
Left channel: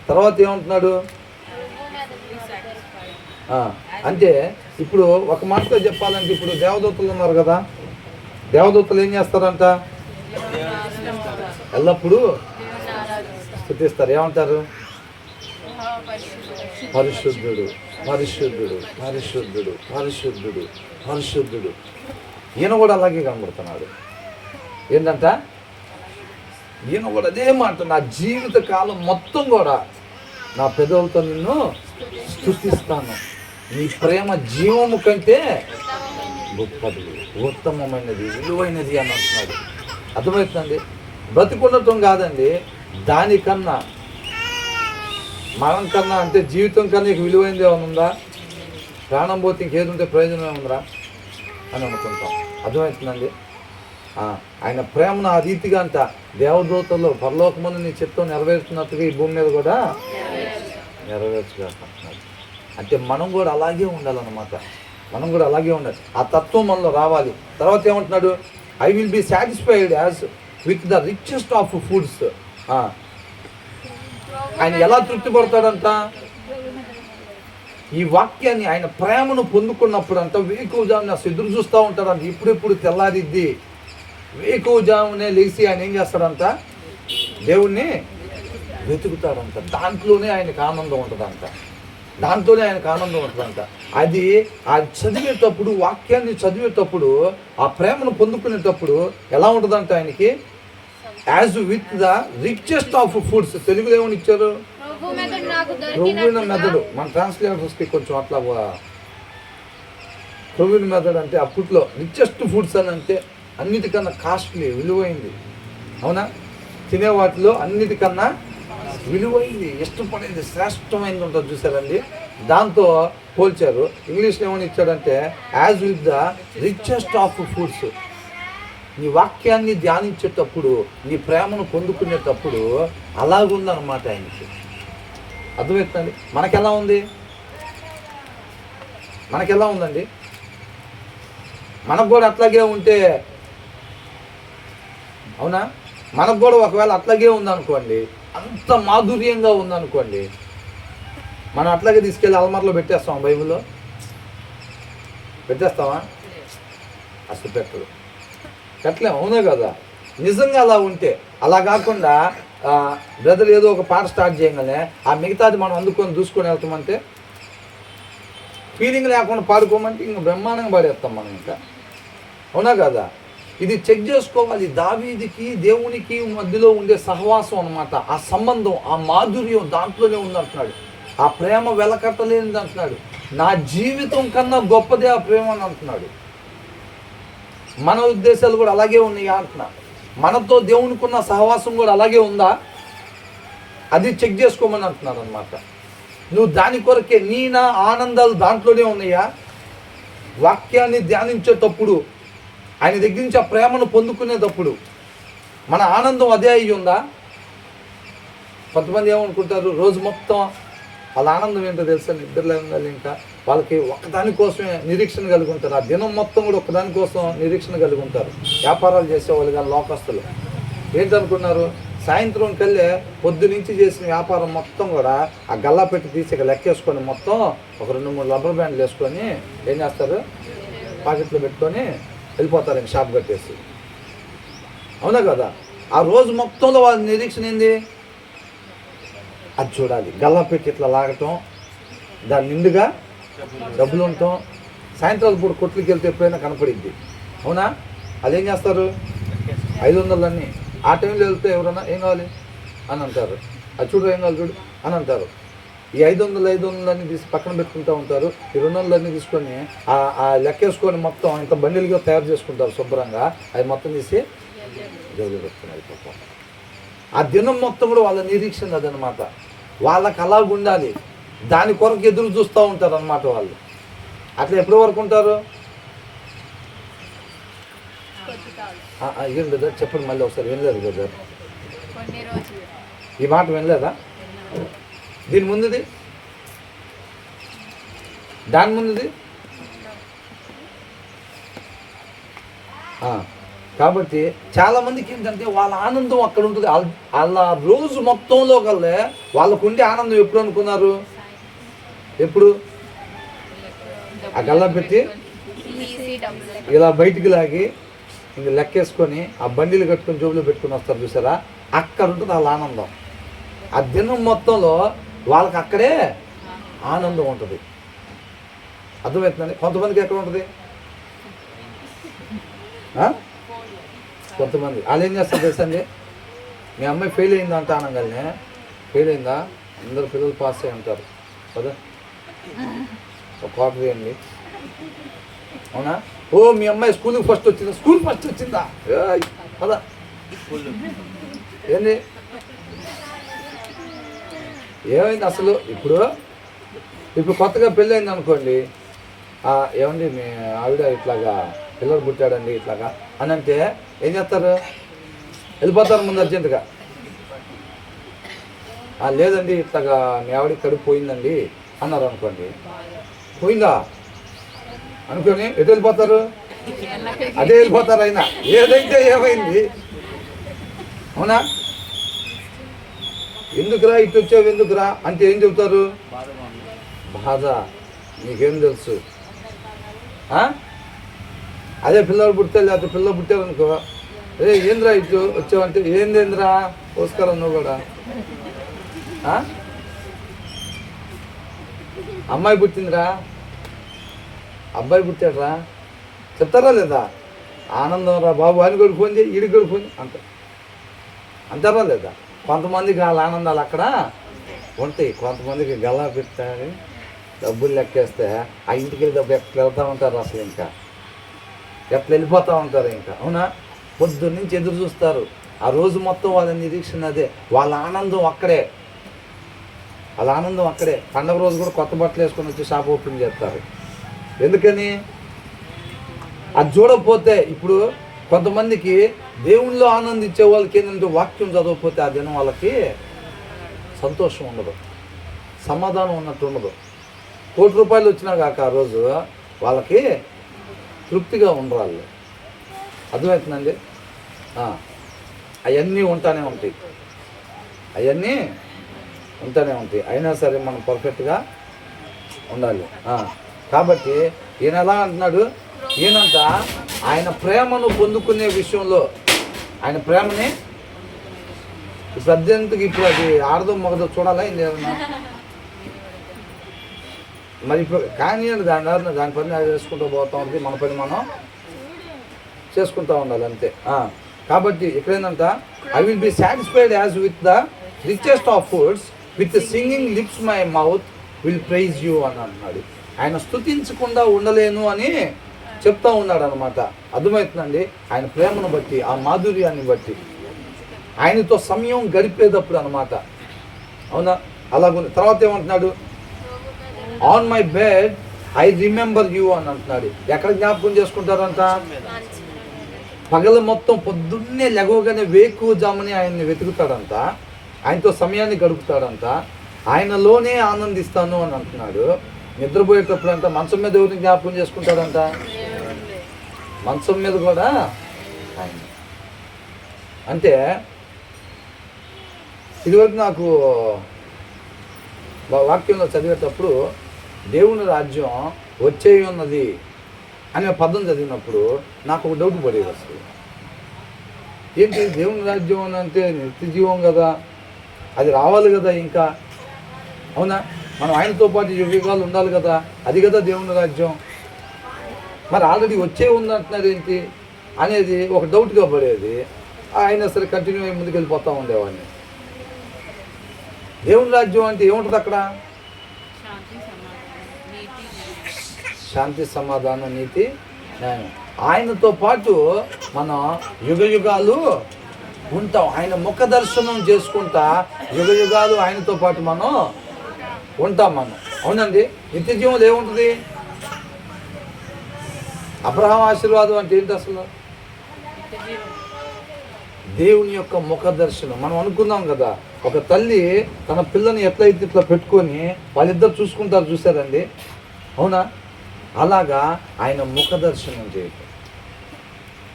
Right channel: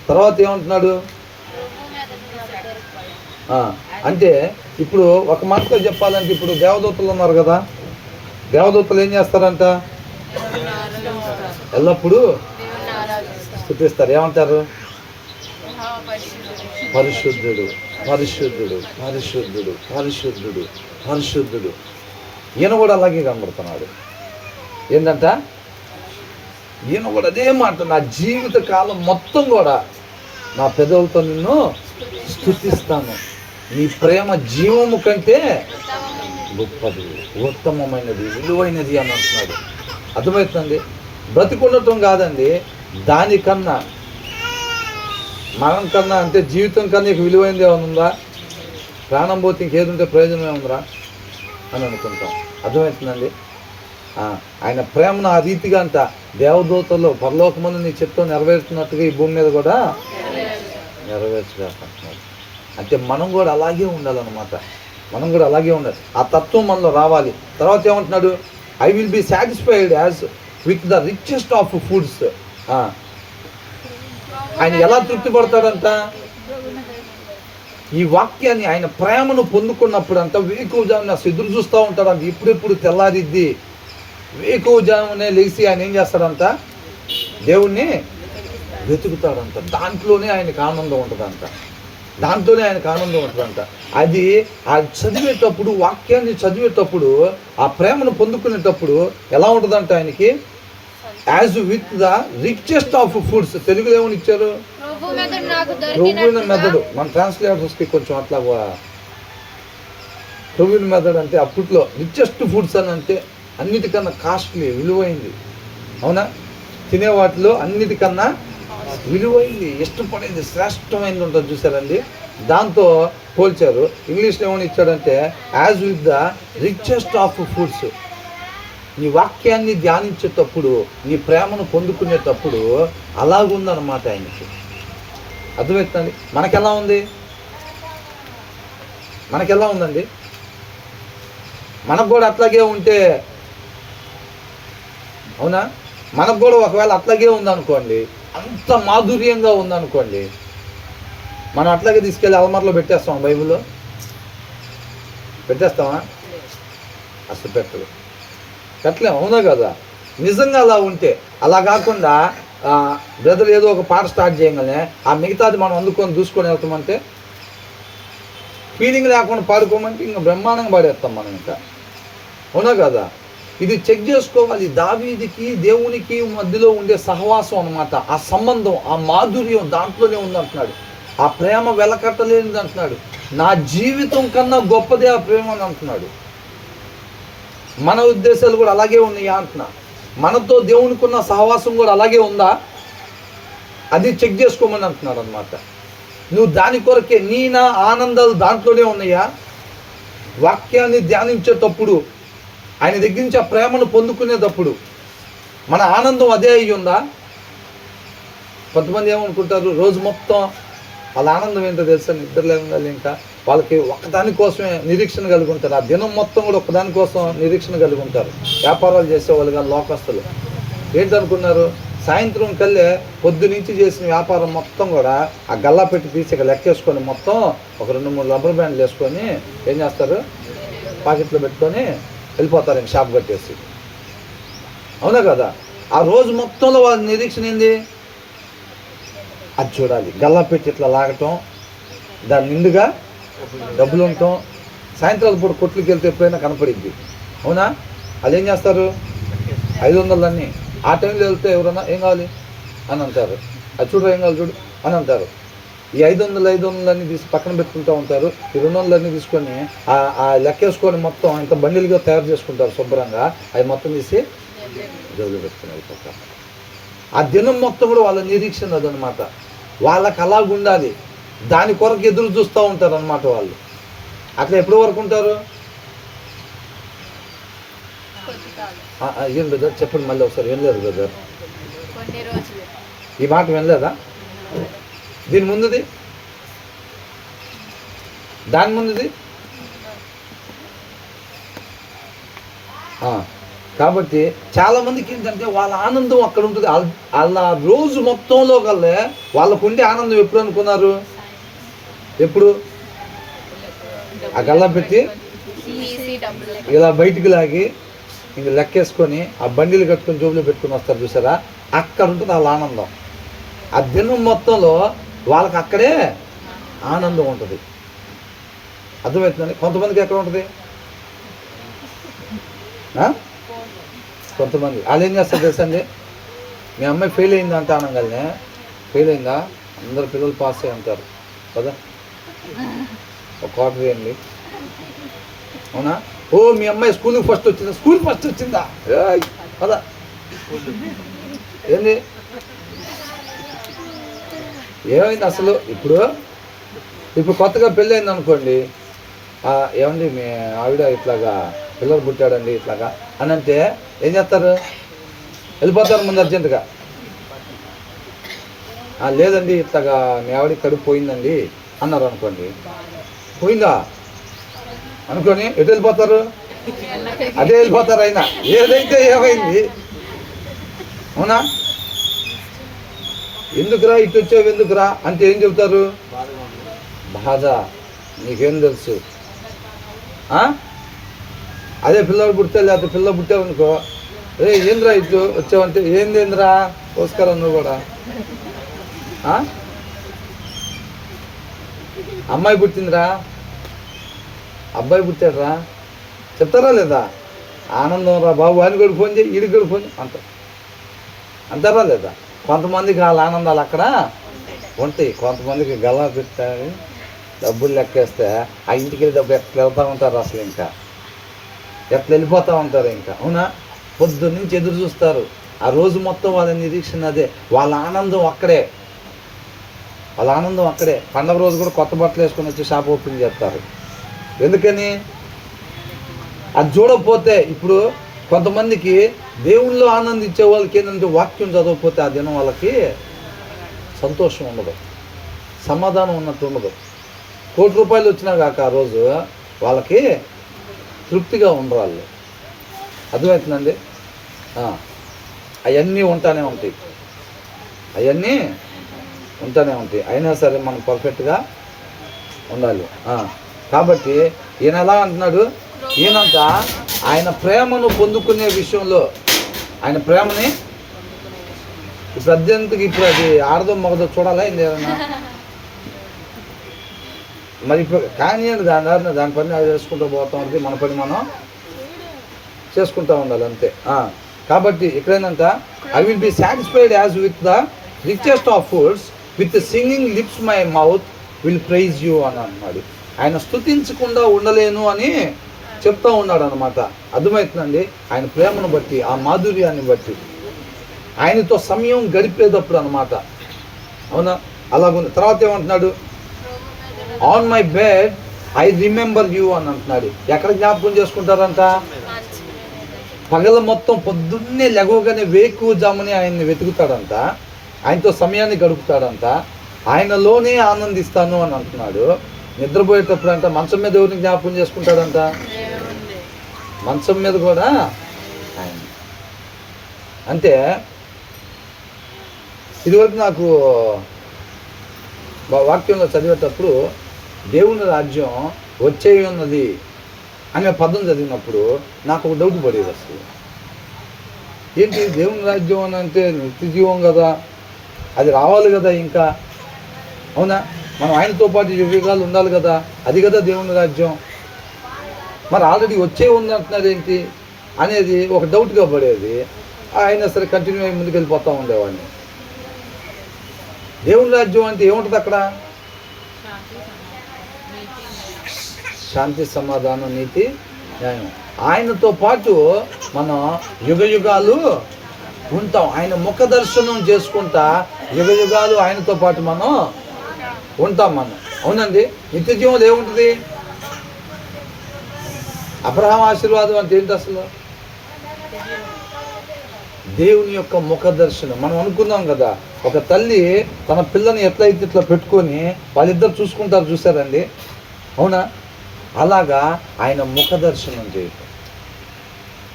తర్వాత ఏమంటున్నాడు? అంటే ఇప్పుడు ఒక మాటతో చెప్పాలంటే, ఇప్పుడు దేవదూతలు ఉన్నారు కదా, దేవదూతలు ఏం చేస్తారంట? ఎల్లప్పుడూ స్తుతిస్తారు. ఏమంటారు? పరిశుద్ధుడు, పరిశుద్ధుడు, పరిశుద్ధుడు, పరిశుద్ధుడు, పరిశుద్ధుడు. ఈయన కూడా అలాగే కనబడుతున్నాడు. ఏంటంట? ఈయన కూడా అదే మాట, నా జీవిత కాలం మొత్తం కూడా నా పెదవులతో నిన్ను స్తుతిస్తాను, నీ ప్రేమ జీవము కంటే గొప్పది, ఉత్తమమైనది, విలువైనది అని అంటున్నాడు. అర్థమవుతుందండి? బ్రతికుండటం కాదండి, దానికన్నా, మరణం కన్నా, అంటే జీవితం కన్నా నీకు విలువైనది ఏమైనా ఉందా? ప్రాణం పోతే ఇంకేది ఉంటే ప్రయోజనం ఏముందా అని అనుకుంటాం. అర్థమవుతుందండి? ఆయన ప్రేమను ఆ రీతిగా అంట దేవదూతల్లో పరలోకమందు నీ చిత్తం నెరవేరుతున్నట్టుగా ఈ భూమి మీద కూడా నెరవేర్చలేకపోతున్నాడు. అంటే మనం కూడా అలాగే ఉండాలన్నమాట. మనం కూడా అలాగే ఉండాలి. ఆ తత్వం మనలో రావాలి. తర్వాత ఏమంటున్నాడు? I will be satisfied as with the richest of foods. ఆయన ఎలా తృప్తి పడతాడంట? ఈ వాక్యాన్ని, ఆయన ప్రేమను పొందుకున్నప్పుడు అంట వేకువజామున ఎదురు చూస్తూ ఉంటాడంట. ఇప్పుడెప్పుడు తెల్లారిద్ది. వేకువజామునే లేచి ఆయన ఏం చేస్తాడంట? దేవుణ్ణి వెతుకుతాడంట. దాంట్లోనే ఆయనకు ఆనందం ఉంటుందంట. దాంట్లోనే ఆయనకు ఆనందం ఉంటుందంట. అది చదివేటప్పుడు, వాక్యాన్ని చదివేటప్పుడు, ఆ ప్రేమను పొందుకునేటప్పుడు ఎలా ఉంటుందంట ఆయనకి? As with the richest of foods. తెలుగులో ఏమని ఇచ్చారు? ప్రభువున మెదడు. మన ట్రాన్స్లేటర్స్కి కొంచెం అట్లా, ప్రభువున మెదడు అంటే అప్పట్లో రిచెస్ట్ ఫుడ్స్ అని అంటే అన్నిటికన్నా కాస్ట్లీ, విలువైంది. అవునా? తినే వాటిలో అన్నిటికన్నా విలువైంది, ఇష్టపడేది, శ్రేష్టమైనది ఉంటుంది. చూసారండి? దాంతో పోల్చారు. ఇంగ్లీష్లో ఏమని ఇచ్చాడంటే as with the richest of foods. నీ వాక్యాన్ని ధ్యానించేటప్పుడు, నీ ప్రేమను పొందుకునేటప్పుడు అలాగుందన్నమాట ఆయనకి. అర్థమవుతుందండి? మనకెలా ఉంది? మనకెలా ఉందండి? మనకు కూడా అట్లాగే ఉంటే, అవునా, మనకు కూడా ఒకవేళ అట్లాగే ఉందనుకోండి, అంత మాధుర్యంగా ఉందనుకోండి, మనం అట్లాగే తీసుకెళ్ళి అల్మార్లో పెట్టేస్తాం. బైబిల్లో పెట్టేస్తామా? అసలు పెట్టలేము. అవునా కదా? నిజంగా అలా ఉంటే, అలా కాకుండా బ్రదర్ ఏదో ఒక పాట స్టార్ట్ చేయగానే ఆ మిగతాది మనం అందుకొని దూసుకొని వెళ్తామంటే, ఫీలింగ్ లేకుండా పాడుకోమంటే ఇంకా బ్రహ్మాండంగా పాడేస్తాం మనం ఇంకా. అవునా కదా? ఇది చెక్ చేసుకోవాలి. దావీదుకి దేవునికి మధ్యలో ఉండే సహవాసం అన్నమాట. ఆ సంబంధం, ఆ మాధుర్యం దాంట్లోనే ఉందంటున్నాడు. ఆ ప్రేమ వెలకట్టలేనిది అంటున్నాడు. నా జీవితం కన్నా గొప్పదే ఆ ప్రేమ అని అంటున్నాడు. మన ఉద్దేశాలు కూడా అలాగే ఉన్నాయా అంటున్నా. మనతో దేవునికి ఉన్న సహవాసం కూడా అలాగే ఉందా? అది చెక్ చేసుకోమని అంటున్నాడు అనమాట. నువ్వు దాని కొరకే, నీ నా ఆనందాలు దాంట్లోనే ఉన్నాయా? వాక్యాన్ని ధ్యానించేటప్పుడు, ఆయన దగ్గర నుంచి ఆ ప్రేమను పొందుకునేటప్పుడు మన ఆనందం అదే అయ్యి ఉందా? కొంతమంది ఏమనుకుంటారు, రోజు మొత్తం వాళ్ళ ఆనందం ఏంటో తెలుసా? నిద్రలేగాలి ఇంకా వాళ్ళకి ఒక్కదానికోసమే నిరీక్షణ కలిగి ఉంటారు. ఆ దినం మొత్తం కూడా ఒక్కదానికోసం నిరీక్షణ కలిగి ఉంటారు. వ్యాపారాలు చేసేవాళ్ళు కానీ లోకస్తులు ఏంటనుకున్నారు? సాయంత్రం కల్లే పొద్దు నుంచి చేసిన వ్యాపారం మొత్తం కూడా ఆ గల్లా పెట్టి తీసి ఇక్కడ లెక్కేసుకొని మొత్తం ఒక 2-3 రబ్బర్ బ్యాండ్లు వేసుకొని ఏం చేస్తారు? పాకెట్లో పెట్టుకొని వెళ్ళిపోతారు ఇంక షాప్ కట్టేసి. అవునా కదా? ఆ రోజు మొత్తంలో వాళ్ళ నిరీక్షణ ఏంది? అది చూడాలి. గల్లా పెట్టి ఇట్లా లాగటం, దాని నిండుగా డబ్బులు ఉండటం. సాయంత్రాల పూట కొట్లకి వెళ్తే ఎప్పుడైనా కనపడిద్ది. అవునా? అది ఏం చేస్తారు? 500 ఆ టైంలో వెళ్తే ఎవరన్నా ఏం కావాలి అని అంటారు. అది చూడు, ఏం కావాలి చూడు అని అంటారు. ఈ 500 తీసి పక్కన పెట్టుకుంటూ ఉంటారు. ఈ 200 తీసుకొని ఆ లెక్కేసుకొని మొత్తం ఇంత బండిలుగా తయారు చేసుకుంటారు శుభ్రంగా. అవి మొత్తం తీసి జోలు పెట్టుకుని అయిపోతారు. ఆ దినం మొత్తం కూడా వాళ్ళ నిరీక్షణ అదనమాట. వాళ్ళకి అలాగ ఉండాలి. దాని కొరకు ఎదురు చూస్తూ ఉంటారు అన్నమాట వాళ్ళు. అట్లా ఎప్పటి వరకు ఉంటారు? ఏం బ్రదర్ చెప్పండి మళ్ళీ ఒకసారి. వినలేదు బ్రదర్, ఈ మాట వినలేదా? దీని ముందుది, దాని ముందుది కాబట్టి చాలామందికి ఏంటంటే వాళ్ళ ఆనందం అక్కడ ఉంటుంది. వాళ్ళ రోజు మొత్తంలో కల్లా వాళ్ళకు ఉండే ఆనందం ఎప్పుడు అనుకున్నారు? ఎప్పుడు ఆ గల్లా పెట్టి ఇలా బయటికి లాగి ఇంక లెక్కేసుకొని ఆ బండిలు కట్టుకొని జోబులో పెట్టుకొని వస్తారు చూసారా, అక్కడ ఉంటుంది వాళ్ళ ఆనందం. ఆ దినం మొత్తంలో వాళ్ళకి అక్కడే ఆనందం ఉంటుంది. అర్థమవుతుందండి? కొంతమందికి ఎక్కడ ఉంటుంది? కొంతమంది వాళ్ళు ఏం చేస్తారు తెలుసండి, మీ అమ్మాయి ఫెయిల్ అయిందా అంటే అనగానే, ఫెయిల్ అయిందా, అందరు పిల్లలు పాస్ అయ్యి ఉంటారు కదా, ఒక క్వార్టర్ వేయండి, అవునా? ఓ మీ అమ్మాయి స్కూల్కి ఫస్ట్ వచ్చిందా, స్కూల్ ఫస్ట్ వచ్చిందా, పదా ఏంది ఏమైంది అసలు? ఇప్పుడు కొత్తగా పెళ్ళి అయింది అనుకోండి, ఏమండి మీ ఆవిడ ఇట్లాగా పిల్లలు పుట్టాడండి ఇట్లాగా అని అంటే ఏం చేస్తారు? వెళ్ళిపోతారు ముందు అర్జెంటుగా. లేదండి ఇట్లాగా మీ ఆవిడ కడుపు పోయిందండి అన్నారు అనుకోండి, పోయిందా అనుకొని ఎటు వెళ్ళిపోతారు? అదే వెళ్ళిపోతారు. అయినా ఏదైతే ఏమైంది, అవునా? ఎందుకురా ఇటు వచ్చావు ఎందుకురా అంటే ఏం చెబుతారు? బాధ, నీకేం తెలుసు. అదే పిల్లలు పుడితే, లేకపోతే పిల్లలు పుట్టావనుకో, ఏంద్రా ఇటు వచ్చావంటే ఏందేంద్రా పోసుకోరా నువ్వు కూడా. అమ్మాయి పుట్టిందిరా, అబ్బాయి పుట్టాడురా చెప్తారా లేదా? ఆనందం రా బాబు అని కూడా ఫోన్ చేయి, ఈడికి కూడా ఫోన్ అంటారా లేదా? కొంతమందికి వాళ్ళ ఆనందాలు అక్కడ ఉంటాయి, కొంతమందికి గల్లా పెట్టాలి డబ్బులు లెక్కేస్తే ఆ ఇంటికి వెళ్ళి డబ్బు ఎట్లా వెళ్తూ ఉంటారు, అసలు ఇంకా ఎట్లా వెళ్ళిపోతూ ఉంటారు ఇంకా, అవునా? పొద్దున్న నుంచి ఎదురు చూస్తారు, ఆ రోజు మొత్తం వాళ్ళ నిరీక్షణ అదే, వాళ్ళ ఆనందం అక్కడే, వాళ్ళ ఆనందం అక్కడే. పండగ రోజు కూడా కొత్త బట్టలు వేసుకొని వచ్చి షాప్ ఓపెన్ చేస్తారు. ఎందుకని? అది చూడకపోతే, ఇప్పుడు కొంతమందికి దేవుళ్ళో ఆనందించే వాళ్ళకి ఏంటంటే వాక్యం చదవకపోతే ఆ దినం వాళ్ళకి సంతోషం ఉండదు, సమాధానం ఉన్నట్టు ఉండదు. ₹1,00,00,000 వచ్చినా కాక ఆ రోజు వాళ్ళకి తృప్తిగా ఉండరాళ్ళు. అర్థమవుతుందండి? అవన్నీ ఉంటానే ఉంటాయి, అవన్నీ ఉంటానే ఉంటాయి. అయినా సరే మనం పర్ఫెక్ట్గా ఉండాలి. కాబట్టి ఈయన ఎలా అంటున్నాడు? ఈయనంత ఆయన ప్రేమను పొందుకునే విషయంలో, ఆయన ప్రేమని ఇప్పుడు అద్దెంతకి ఇప్పుడు అది ఆడదో మగదో చూడాలా ఏంది ఏదన్నా? మరి ఇప్పుడు కానీ దాని పని అది చేసుకుంటూ పోతా ఉంటుంది, మన పని మనం చేసుకుంటూ ఉండాలి అంతే. కాబట్టి ఇక్కడేందంట, I will be satisfied as with the richest of foods, with singing lips my mouth will praise you అని అన్నాడు. ఆయన స్తుతించకుండా ఉండలేను అని చెప్తా ఉన్నాడు అన్నమాట. అర్థమవుతుందండి? ఆయన ప్రేమను బట్టి, ఆ మాధుర్యాన్ని బట్టి, ఆయనతో సమయం గడిపేటప్పుడు అన్నమాట, అవునా? అలాగుంది. తర్వాత ఏమంటున్నాడు? On my bed I remember you అని అంటున్నాడు. ఎక్కడ జ్ఞాపకం చేసుకుంటారంట? పగల మొత్తం పొద్దున్నే లెగవగానే వేకువజామని ఆయన్ని వెతుకుతాడంట, ఆయనతో సమయాన్ని గడుపుతాడంట, ఆయనలోనే ఆనందిస్తాను అని అంటున్నాడు. నిద్రపోయేటప్పుడు అంట మంచం మీద ఎవరిని జ్ఞాపకం చేసుకుంటాడంట? మంచం మీద కూడా ఆయన. అంటే ఇదివరకు నాకు వాక్యంలో చదివేటప్పుడు దేవుని రాజ్యం వచ్చే ఉన్నది అనే పదం చదివినప్పుడు నాకు ఒక డౌట్ పడేది. అసలు ఏంటి దేవుని రాజ్యం అని అంటే నిత్య జీవం కదా, అది రావాలి కదా ఇంకా, అవునా? మనం ఆయనతో పాటు యుగాలు ఉండాలి కదా, అది కదా దేవుని రాజ్యం. మరి ఆల్రెడీ వచ్చే ఉంది అంటున్నారు ఏంటి అనేది ఒక డౌట్గా పడేది. ఆయన సరే కంటిన్యూ అయ్యి ముందుకు వెళ్ళిపోతూ ఉండేవాడిని. దేవుని రాజ్యం అంటే ఏముంటుంది అక్కడ? శాంతి, సమాధానం, నీతి, న్యాయం. ఆయనతో పాటు మనం యుగ యుగాలు ఉంటాం. ఆయన ముఖ దర్శనం చేసుకుంటా యుగ యుగాలు ఆయనతో పాటు మనం ఉంటాం. మనం, అవునండి. నిత్య జీవంలో ఏముంటుంది? అబ్రహాం ఆశీర్వాదం అంటే ఏంటి అసలు? దేవుని యొక్క ముఖ దర్శనం. మనం అనుకున్నాం కదా, ఒక తల్లి తన పిల్లని ఎట్లయితే ఇట్లా పెట్టుకొని వాళ్ళిద్దరు చూసుకుంటారు, చూసారండి, అవునా? అలాగా ఆయన ముఖ దర్శనం చేయటం.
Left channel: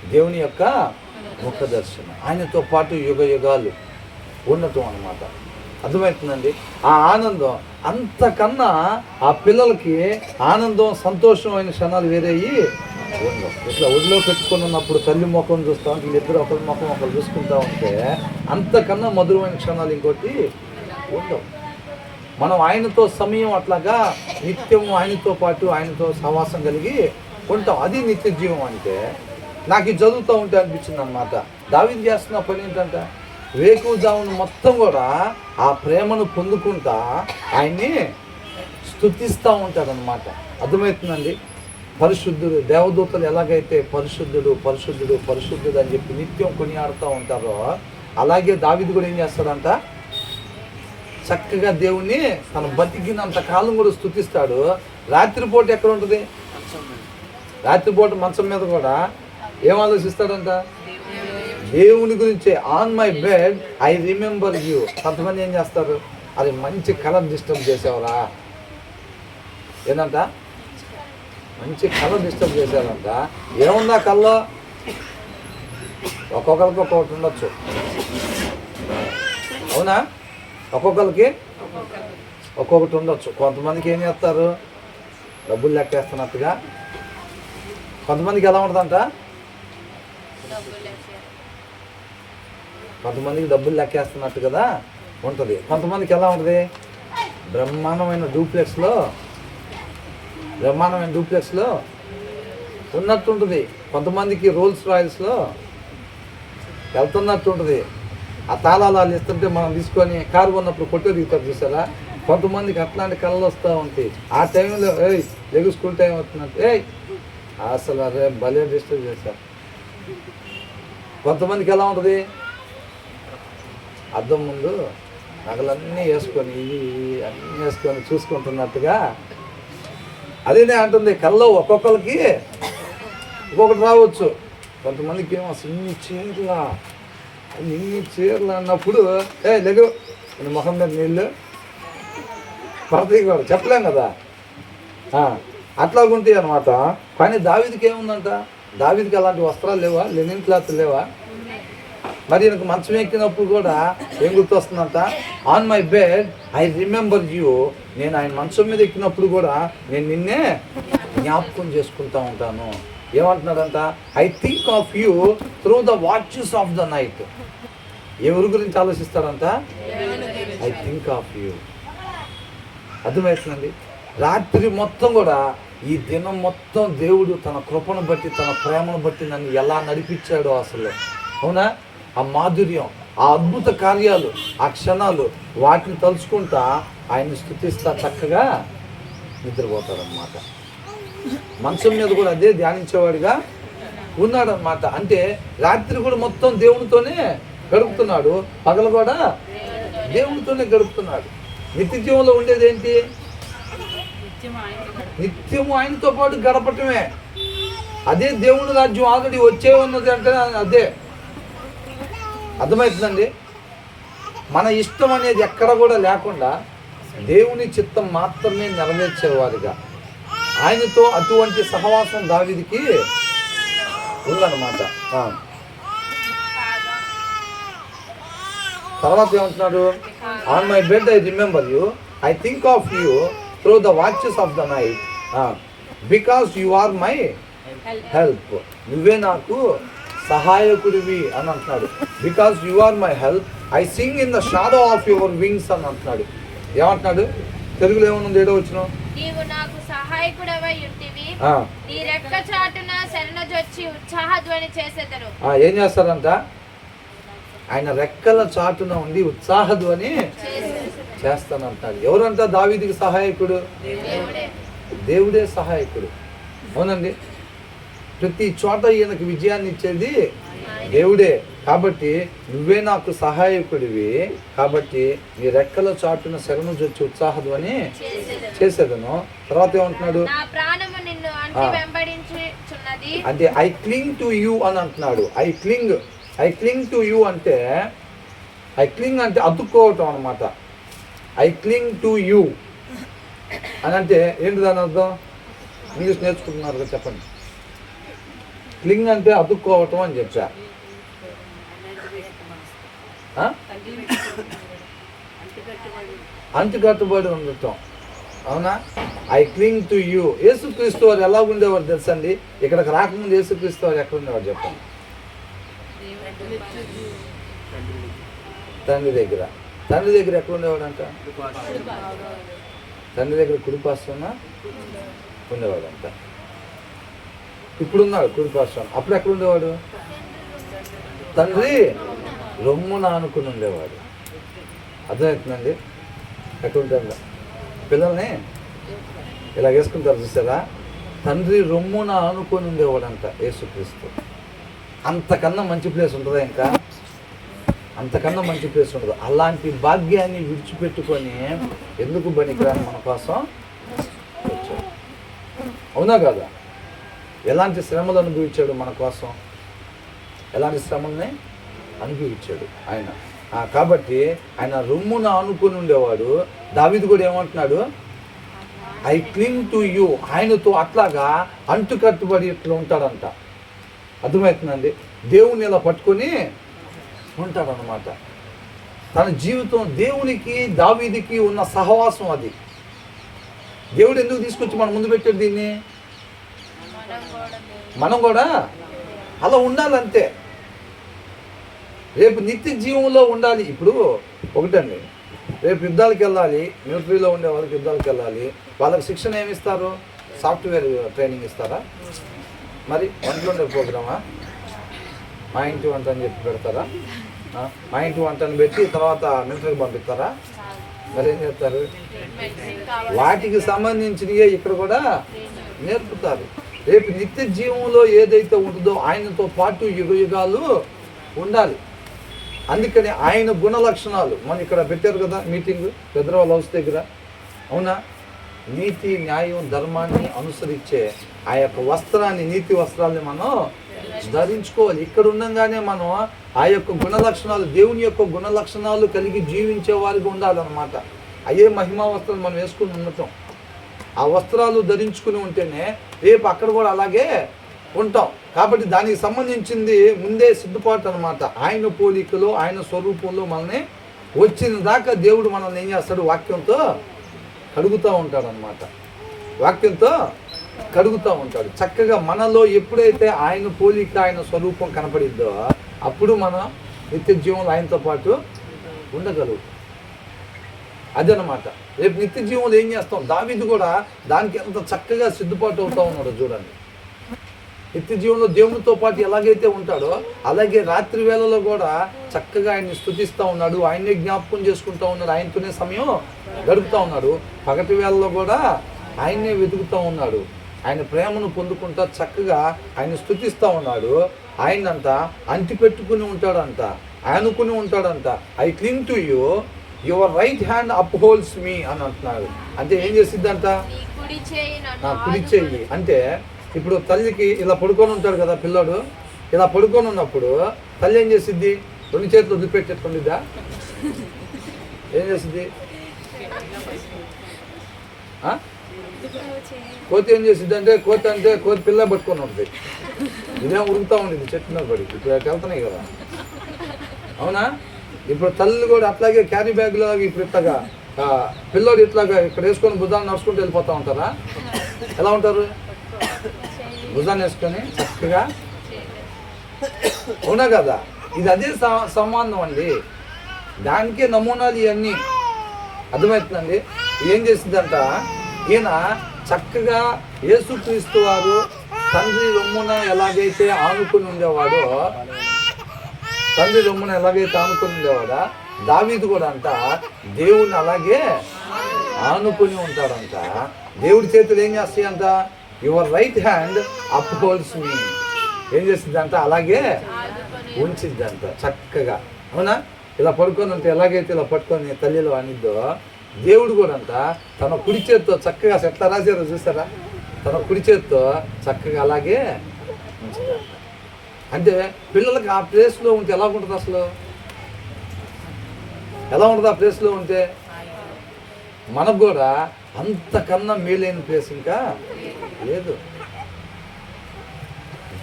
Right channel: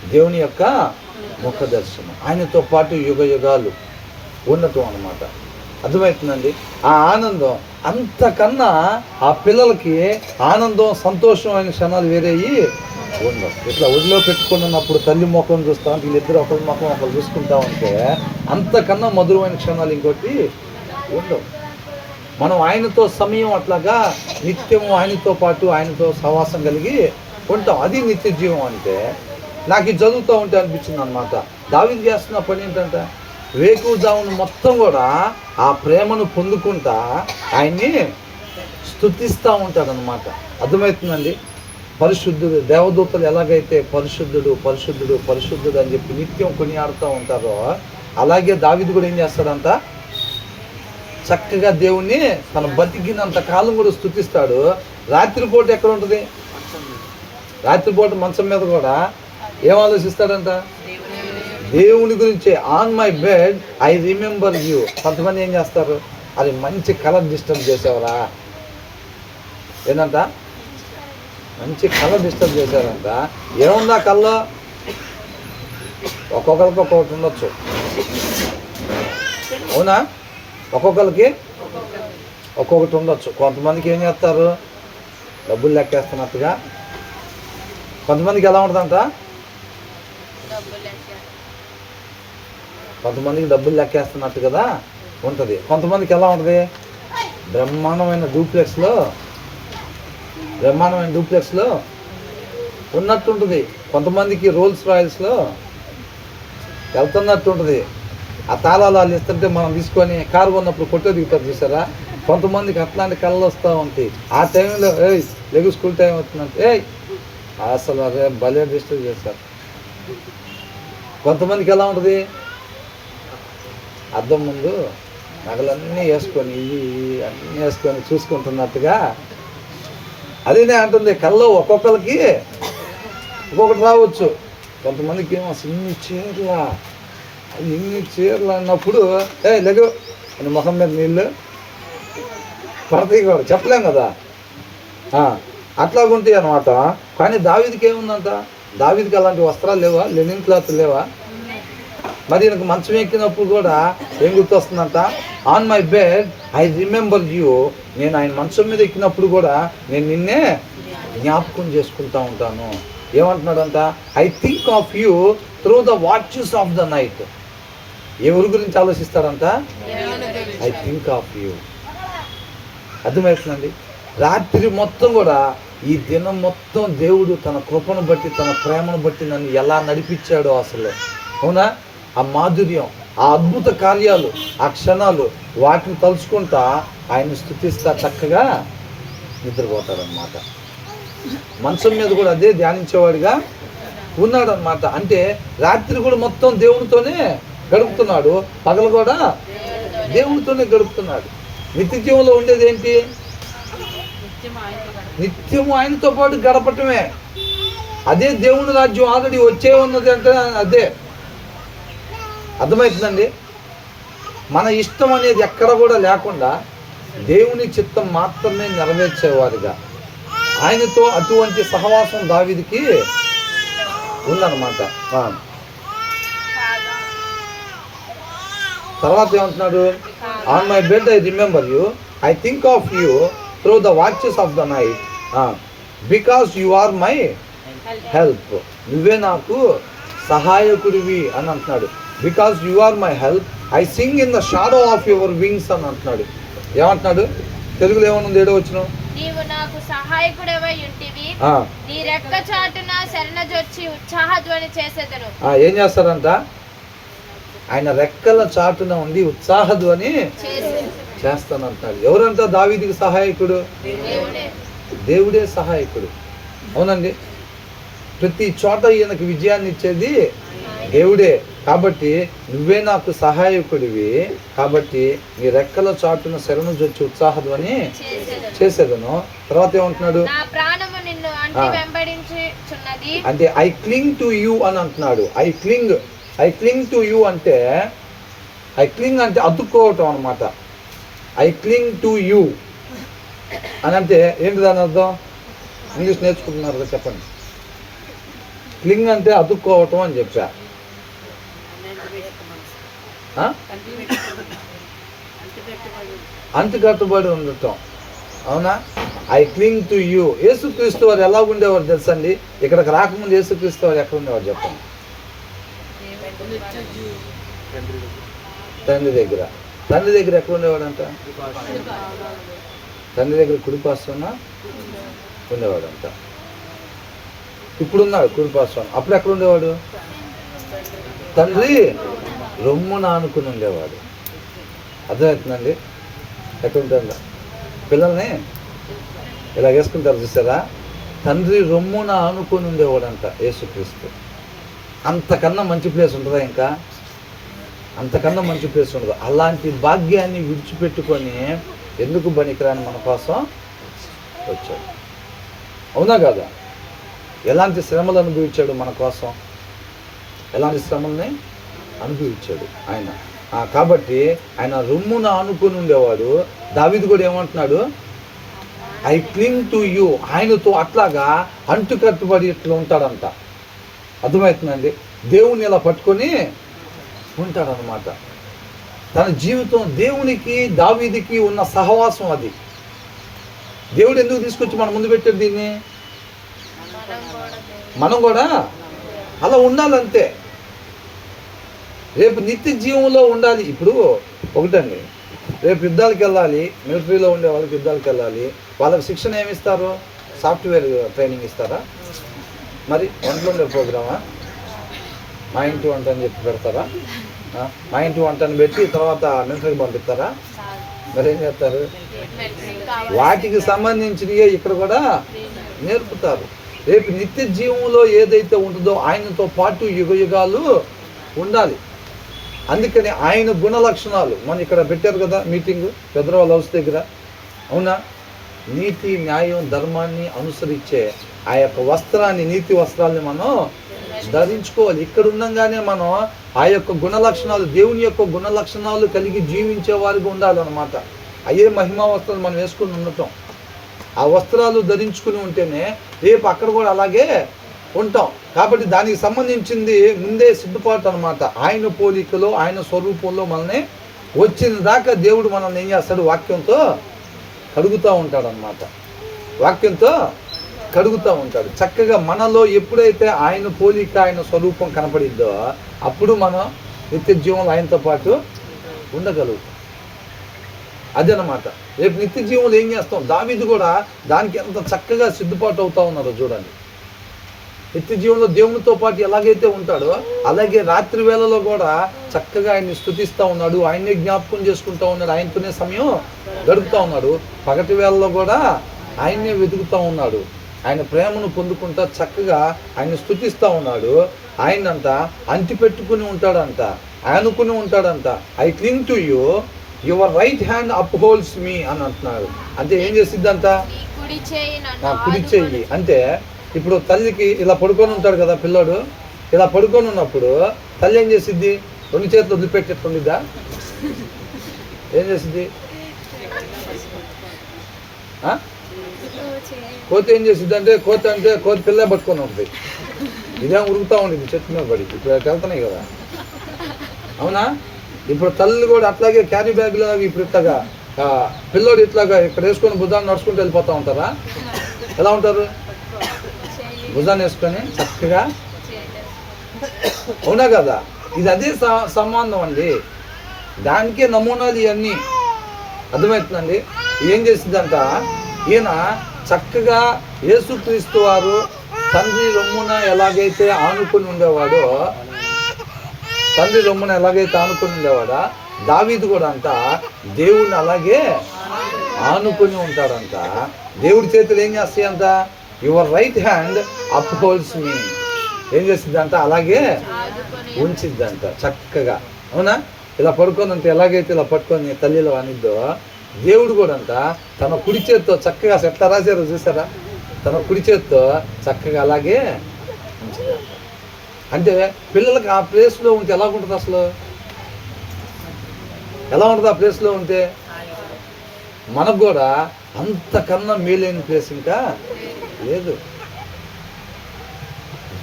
దేవుని యొక్క ముఖ దర్శనం, ఆయనతో పాటు యుగ యుగాలు ఉండటం అన్నమాట. అర్థమవుతుందండి? ఆ ఆనందం అంతకన్నా ఆ పిల్లలకి ఆనందం సంతోషమైన క్షణాలు వేరేయి ఉండవు. ఇట్లా ఒడిలో పెట్టుకుని ఉన్నప్పుడు తల్లి ముఖం చూస్తూ ఉంటే వీళ్ళిద్దరు ఒకరి ముఖం ఒకరు చూసుకుంటా ఉంటే అంతకన్నా మధురమైన క్షణాలు ఇంకోటి ఉండవు. మనం ఆయనతో సమయం అట్లాగా నిత్యము ఆయనతో పాటు ఆయనతో సహవాసం కలిగి ఉంటాం. అది నిత్య జీవం. అంటే నాకు ఇది చదువుతూ ఉంటే అనిపించింది అన్నమాట, దావీదు చేస్తున్న పని ఏంటంటే వేకువజామున మొత్తం కూడా ఆ ప్రేమను పొందుకుంటా ఆయన్ని స్తుతిస్తూ ఉంటాడనమాట. అర్థమవుతుందండి? పరిశుద్ధుడు, దేవదూతలు ఎలాగైతే పరిశుద్ధుడు పరిశుద్ధుడు పరిశుద్ధుడు అని చెప్పి నిత్యం కొనియాడుతూ ఉంటారో అలాగే దావీదు కూడా ఏం చేస్తాడంట, చక్కగా దేవుణ్ణి తను బతికినంత కాలం కూడా స్తుతిస్తాడు. రాత్రిపూట ఎక్కడ ఉంటుంది? రాత్రిపూట మంచం మీద కూడా ఏం ఆలోచిస్తాడంట? దేవుని గురించి. On my bed I remember you. కొంతమంది ఏం చేస్తారు, అది మంచి కలర్ డిస్టర్బ్ చేసేవరా ఏంటంట, మంచి కలర్ డిస్టర్బ్ చేసేవారంట. ఏముందా కల్లో? ఒక్కొక్కరికి ఒక్కొక్కటి ఉండొచ్చు, అవునా? ఒక్కొక్కరికి ఒక్కొక్కటి ఉండొచ్చు. కొంతమందికి ఏం చేస్తారు, డబ్బులు లెక్కేస్తున్నట్టుగా. కొంతమందికి ఎలా ఉంటుందంట, కొంతమందికి డబ్బులు లెక్కేస్తున్నట్టు కదా ఉంటుంది. కొంతమందికి ఎలా ఉంటుంది, బ్రహ్మాండమైన డూప్లెక్స్లో ఉన్నట్టు ఉంటుంది. కొంతమందికి రోల్స్ రాయల్స్లో వెళ్తున్నట్టు ఉంటుంది. ఆ తాళాలు వాళ్ళు ఇస్తుంటే మనం తీసుకొని కారు ఉన్నప్పుడు కొట్టే దిగుతారు చూసారా. కొంతమందికి అట్లాంటి కళ్ళు వస్తూ ఉంటాయి. ఆ టైంలో లెగు స్కూల్ టైం అవుతుందంటే అసలు అదే భలే డిస్టర్బ్ చేస్తారు. కొంతమందికి ఎలా ఉంటుంది, అద్దం ముందు నగలన్నీ వేసుకొని అన్నీ వేసుకొని చూసుకుంటున్నట్టుగా. అదేనే అంటుంది, కళ్ళు ఒక్కొక్కరికి ఒక్కొక్కటి రావచ్చు. కొంతమందికి ఏమో ఇన్ని చీరలు అన్నప్పుడు లెగు అని ముఖం మీద నీళ్ళు పడతాయి కూడా, చెప్పలేం కదా. అట్లాగుంటాయి అనమాట. కానీ దావీదుకి ఏముందంట, దావీదుకి అలాంటి వస్త్రాలు లేవా, లెనిన్ క్లాత్ లేవా? మరి నాకు మంచం ఎక్కినప్పుడు కూడా ఏం గుర్తొస్తుందంట, on my bed I remember you. నేను ఆయన మంచం మీద ఎక్కినప్పుడు కూడా నేను నిన్నే జ్ఞాపకం చేసుకుంటా ఉంటాను. ఏమంటున్నాడంట, I think of you through the watches of the night. ఎవరి గురించి ఆలోచిస్తాడంట, ఐ థింక్ ఆఫ్ యూ. అర్థమవుతుందండి? రాత్రి మొత్తం కూడా ఈ దినం మొత్తం దేవుడు తన కృపను బట్టి తన ప్రేమను బట్టి నన్ను ఎలా నడిపించాడో అసలు, అవునా? ఆ మాధుర్యం, ఆ అద్భుత కార్యాలు, ఆ క్షణాలు, వాటిని తలుచుకుంటా ఆయన స్తుతిస్తా చక్కగా నిద్రపోతాడనమాట. మంచం మీద కూడా అదే ధ్యానించేవాడిగా ఉన్నాడనమాట. అంటే రాత్రి కూడా మొత్తం దేవునితోనే గడుపుతున్నాడు, పగలు కూడా దేవునితోనే గడుపుతున్నాడు. నిత్య జీవంలో ఉండేది ఏంటి? నిత్యము ఆయనతో పాటు గడపటమే. అదే దేవుని రాజ్యం ఆల్రెడీ వచ్చే ఉన్నది అంటే అదే. అర్థమవుతుందండి? మన ఇష్టం అనేది ఎక్కడ కూడా లేకుండా దేవుని చిత్తం మాత్రమే నెరవేర్చేవారుగా ఆయనతో అటువంటి సహవాసం దావీదుకి ఉందన్నమాట. తర్వాత ఏమంటున్నాడు, on my bed I remember you, I think of you through the watches of the night, because you are my help. నువ్వే నాకు సహాయకుడివి అని అంటున్నాడు. Because you are my help I sing in the shadow of your wings అని అంటున్నాడు. ఏమంటున్నాడు తెలుగులో? ఏమనుంది? ఏడో వచ్చిన, నీవు నాకు సహాయకుడవై ఉంటివి, నీ రెక్క చాటున శరణజొచ్చి ఉత్సాహధ్వని చేసేదను. ఏం చేస్తారంట? ఆయన రెక్కల చాటున ఉండి ఉత్సాహధ్వని చేస్తానంటాడు. ఎవరంట దావీదుకి సహాయకుడు? దేవుడే సహాయకుడు. అవునండి, ప్రతి చోట ఈయనకు విజయాన్ని ఇచ్చేది దేవుడే. కాబట్టి నువ్వే నాకు సహాయకుడివి, కాబట్టి నీ రెక్కల చాటున శరణు జొచ్చి ఉత్సాహధ్వని చేసేదను. తర్వాత ఏమంటున్నాడు? అంటే ఐ క్లింగ్ టు యూ అని అంటున్నాడు. ఐ క్లింగ్ టు యూ అంటే, ఐ క్లింగ్ అంటే అతుక్కోవటం అనమాట. ఐ క్లింగ్ టు యూ అని అంటే ఏంటి దాని అర్థం? ఇంగ్లీష్ నేర్చుకుంటున్నారు కదా, చెప్పండి. క్లింగ్ అంటే అతుక్కోవటం అని చెప్పా. అంటుకట్టుబడి ఉండటం. అవునా? I క్లింగ్ to you. యేసుక్రీస్తు వారు ఎలా ఉండేవారు తెలుసండి? ఇక్కడికి రాకముందు యేసుక్రీస్తు వారు ఎక్కడ ఉండేవారు చెప్పండి? తండ్రి దగ్గర. తండ్రి దగ్గర ఎక్కడ ఉండేవాడంట? తండ్రి దగ్గర కుడిపార్శ్వన ఉండేవాడంట. ఇప్పుడున్నాడు కుడిపార్శ్వన. అప్పుడు ఎక్కడ ఉండేవాడు? తండ్రి రొమ్మున ఆనుకుని ఉండేవాడు. అర్థమవుతుందండి? ఎక్కడ ఉంటాడు? పిల్లల్ని ఇలా వేసుకుంటారు చూసారా? తండ్రి రొమ్మున ఆనుకొని ఉండేవాడంట యేసుక్రీస్తు. అంతకన్నా మంచి ప్లేస్ ఉంటుందా? ఇంకా అంతకన్నా మంచి ప్లేస్ ఉండదు. అలాంటి భాగ్యాన్ని విడిచిపెట్టుకొని ఎందుకు బనికిరాని మన కోసం వచ్చాడు. అవునా కాదా? ఎలాంటి శ్రమలు అనుభవించాడు మన కోసం? ఎలాంటి శ్రమల్ని అనుభవించాడు ఆయన. కాబట్టి ఆయన రొమ్మున ఆనుకొని ఉండేవాడు. దావీదు కూడా ఏమంటున్నాడు? I క్లింగ్ to you. ఆయనతో అట్లాగా అంటుకట్టుబడి ఇట్లా ఉంటాడంట. అర్థమవుతుందండి? దేవుణ్ణి ఇలా పట్టుకొని ఉంటాడనమాట. తన జీవితం దేవునికి దావీదుకి ఉన్న సహవాసం అది. దేవుడు ఎందుకు తీసుకొచ్చి మన ముందు పెట్టాడు దీన్ని? మనం కూడా అలా ఉండాలంతే. రేపు నిత్య జీవంలో ఉండాలి. ఇప్పుడు ఒకటండి, రేపు యుద్ధాలకు వెళ్ళాలి. మిలిటరీలో ఉండే వాళ్ళకి యుద్ధాలకు వెళ్ళాలి. వాళ్ళకి శిక్షణ ఏమిస్తారు? సాఫ్ట్వేర్ ట్రైనింగ్ ఇస్తారా? మరి వంటలు ఉండే ప్రోగ్రామా? మా ఇంటి వంట అని చెప్పి పెడతారా? మా ఇంటి వంటని పెట్టి తర్వాత మిలిటరీకి పంపిస్తారా? మరి ఏం చేస్తారు? వాటికి సంబంధించినవే ఇక్కడ కూడా నేర్పుతారు. రేపు నిత్య జీవంలో ఏదైతే ఉంటుందో ఆయనతో పాటు యుగ యుగాలు ఉండాలి. అందుకని ఆయన గుణ లక్షణాలు మనం ఇక్కడ పెట్టారు కదా మీటింగ్ పెద్దవాళ్ళ హౌస్ దగ్గర. అవునా? నీతి, న్యాయం, ధర్మాన్ని అనుసరించే ఆ యొక్క వస్త్రాన్ని, నీతి వస్త్రాన్ని మనం ధరించుకోవాలి. ఇక్కడ ఉండగానే మనం ఆ యొక్క గుణ లక్షణాలు, దేవుని యొక్క గుణ లక్షణాలు కలిగి జీవించే వారికి ఉండాలన్నమాట. అయ్యే మహిమా వస్త్రాలు మనం వేసుకుని ఉండటం. ఆ వస్త్రాలు ధరించుకుని ఉంటేనే రేపు అక్కడ కూడా అలాగే ఉంటాం. కాబట్టి దానికి సంబంధించింది ముందే సిద్ధపాటు అనమాట. ఆయన పోలికలో, ఆయన స్వరూపంలో మనల్ని వచ్చిన దాకా దేవుడు మనల్ని ఏం చేస్తాడు? వాక్యంతో కడుగుతూ ఉంటాడు అనమాట. వాక్యంతో కడుగుతూ ఉంటాడు. చక్కగా మనలో ఎప్పుడైతే ఆయన పోలిక, ఆయన స్వరూపం కనపడిద్దో అప్పుడు మనం నిత్య జీవంలో ఆయనతో పాటు ఉండగలుగుతాం. అదనమాట. రేపు నిత్య జీవంలో ఏం చేస్తాం? దావీదు కూడా దానికి ఎంత చక్కగా సిద్ధపాటు అవుతా ఉన్నారో చూడండి. నిత్య జీవంలో దేవునితో పాటు ఎలాగైతే ఉంటాడో అలాగే రాత్రి వేళలో కూడా చక్కగా ఆయన్ని స్తుతిస్తూ ఉన్నాడు. ఆయన్నే జ్ఞాపకం చేసుకుంటూ ఉన్నాడు. ఆయనతోనే సమయం గడుపుతూ ఉన్నాడు. పగటి వేళలో కూడా ఆయన్నే వెతుకుతూ ఉన్నాడు. ఆయన ప్రేమను పొందుకుంటా చక్కగా ఆయన స్తుతిస్తూ ఉన్నాడు. ఆయనంట అంటిపెట్టుకుని ఉంటాడంట, అనుకుని ఉంటాడంట. I క్లింగ్ to you, your right hand up holds మీ అని అంటున్నాడు. అంటే ఏం చేసిద్దంట? నా కుడి చెయ్యి. అంటే ఇప్పుడు తల్లికి ఇలా పడుకొని ఉంటాడు కదా పిల్లాడు. ఇలా పడుకొని ఉన్నప్పుడు తల్లి ఏం చేసిద్ది? రెండు చేతులు వదిలిపెట్టేట్టుండిద్దా? ఏం చేసిద్ది? కోతి ఏం చేసిద్ది అంటే కోతి పిల్ల పట్టుకొని ఉంటుంది. ఇదేం ఉరుకుతూ ఉండేది చెట్టు మీద పడి. ఇప్పుడు వెళ్తున్నాయి కదా. అవునా? ఇప్పుడు తల్లి కూడా అట్లాగే క్యారీ బ్యాగ్ లాగా ఇప్పుడు ఇట్లాగా పిల్లోడు ఇట్లాగా ఇక్కడ వేసుకొని భుజాన్ని నడుచుకుంటూ వెళ్ళిపోతూ ఉంటారా? ఎలా ఉంటారు? భుజాన్ని వేసుకొని చక్కగా. అవునా కదా? ఇది అదే సంబంధం అండి. దానికే నమూనాలు ఇవన్నీ. అర్థమవుతుందండి? ఏం చేసిందంట? ఈయన చక్కగా యేసుక్రీస్తు వారు తండ్రి రొమ్మున ఎలాగైతే ఆనుకుని ఉండేవాడో, తండ్రి రొమ్మున ఎలాగైతే ఆనుకుని ఉండేవాడా, దావీదు కూడా అంట దేవుడిని అలాగే ఆనుకుని ఉంటాడంట. దేవుడి చేతులు ఏం చేస్తాయంట? Your right hand up holds మీ. ఏం చేసిద్దంట? అలాగే ఉంచిద్దంట చక్కగా. అవునా? ఇలా పడుకొని ఉంటే ఎలాగైతే ఇలా పట్టుకొని తల్లిలో అనిద్దో దేవుడు కూడా అంట తన కుడి చేత్తో చక్కగా ఎట్లా రాశారో చూసారా? తన కుడి చేత్తో చక్కగా అలాగే ఉంచిద్దంట. అంటే పిల్లలకి ఆ ప్లేస్లో ఉంటే ఎలా ఉంటుంది? అసలు ఎలా ఉంటుంది ఆ ప్లేస్లో ఉంటే? మనకు కూడా అంతకన్నా మేలైన ప్లేస్ ఇంకా లేదు.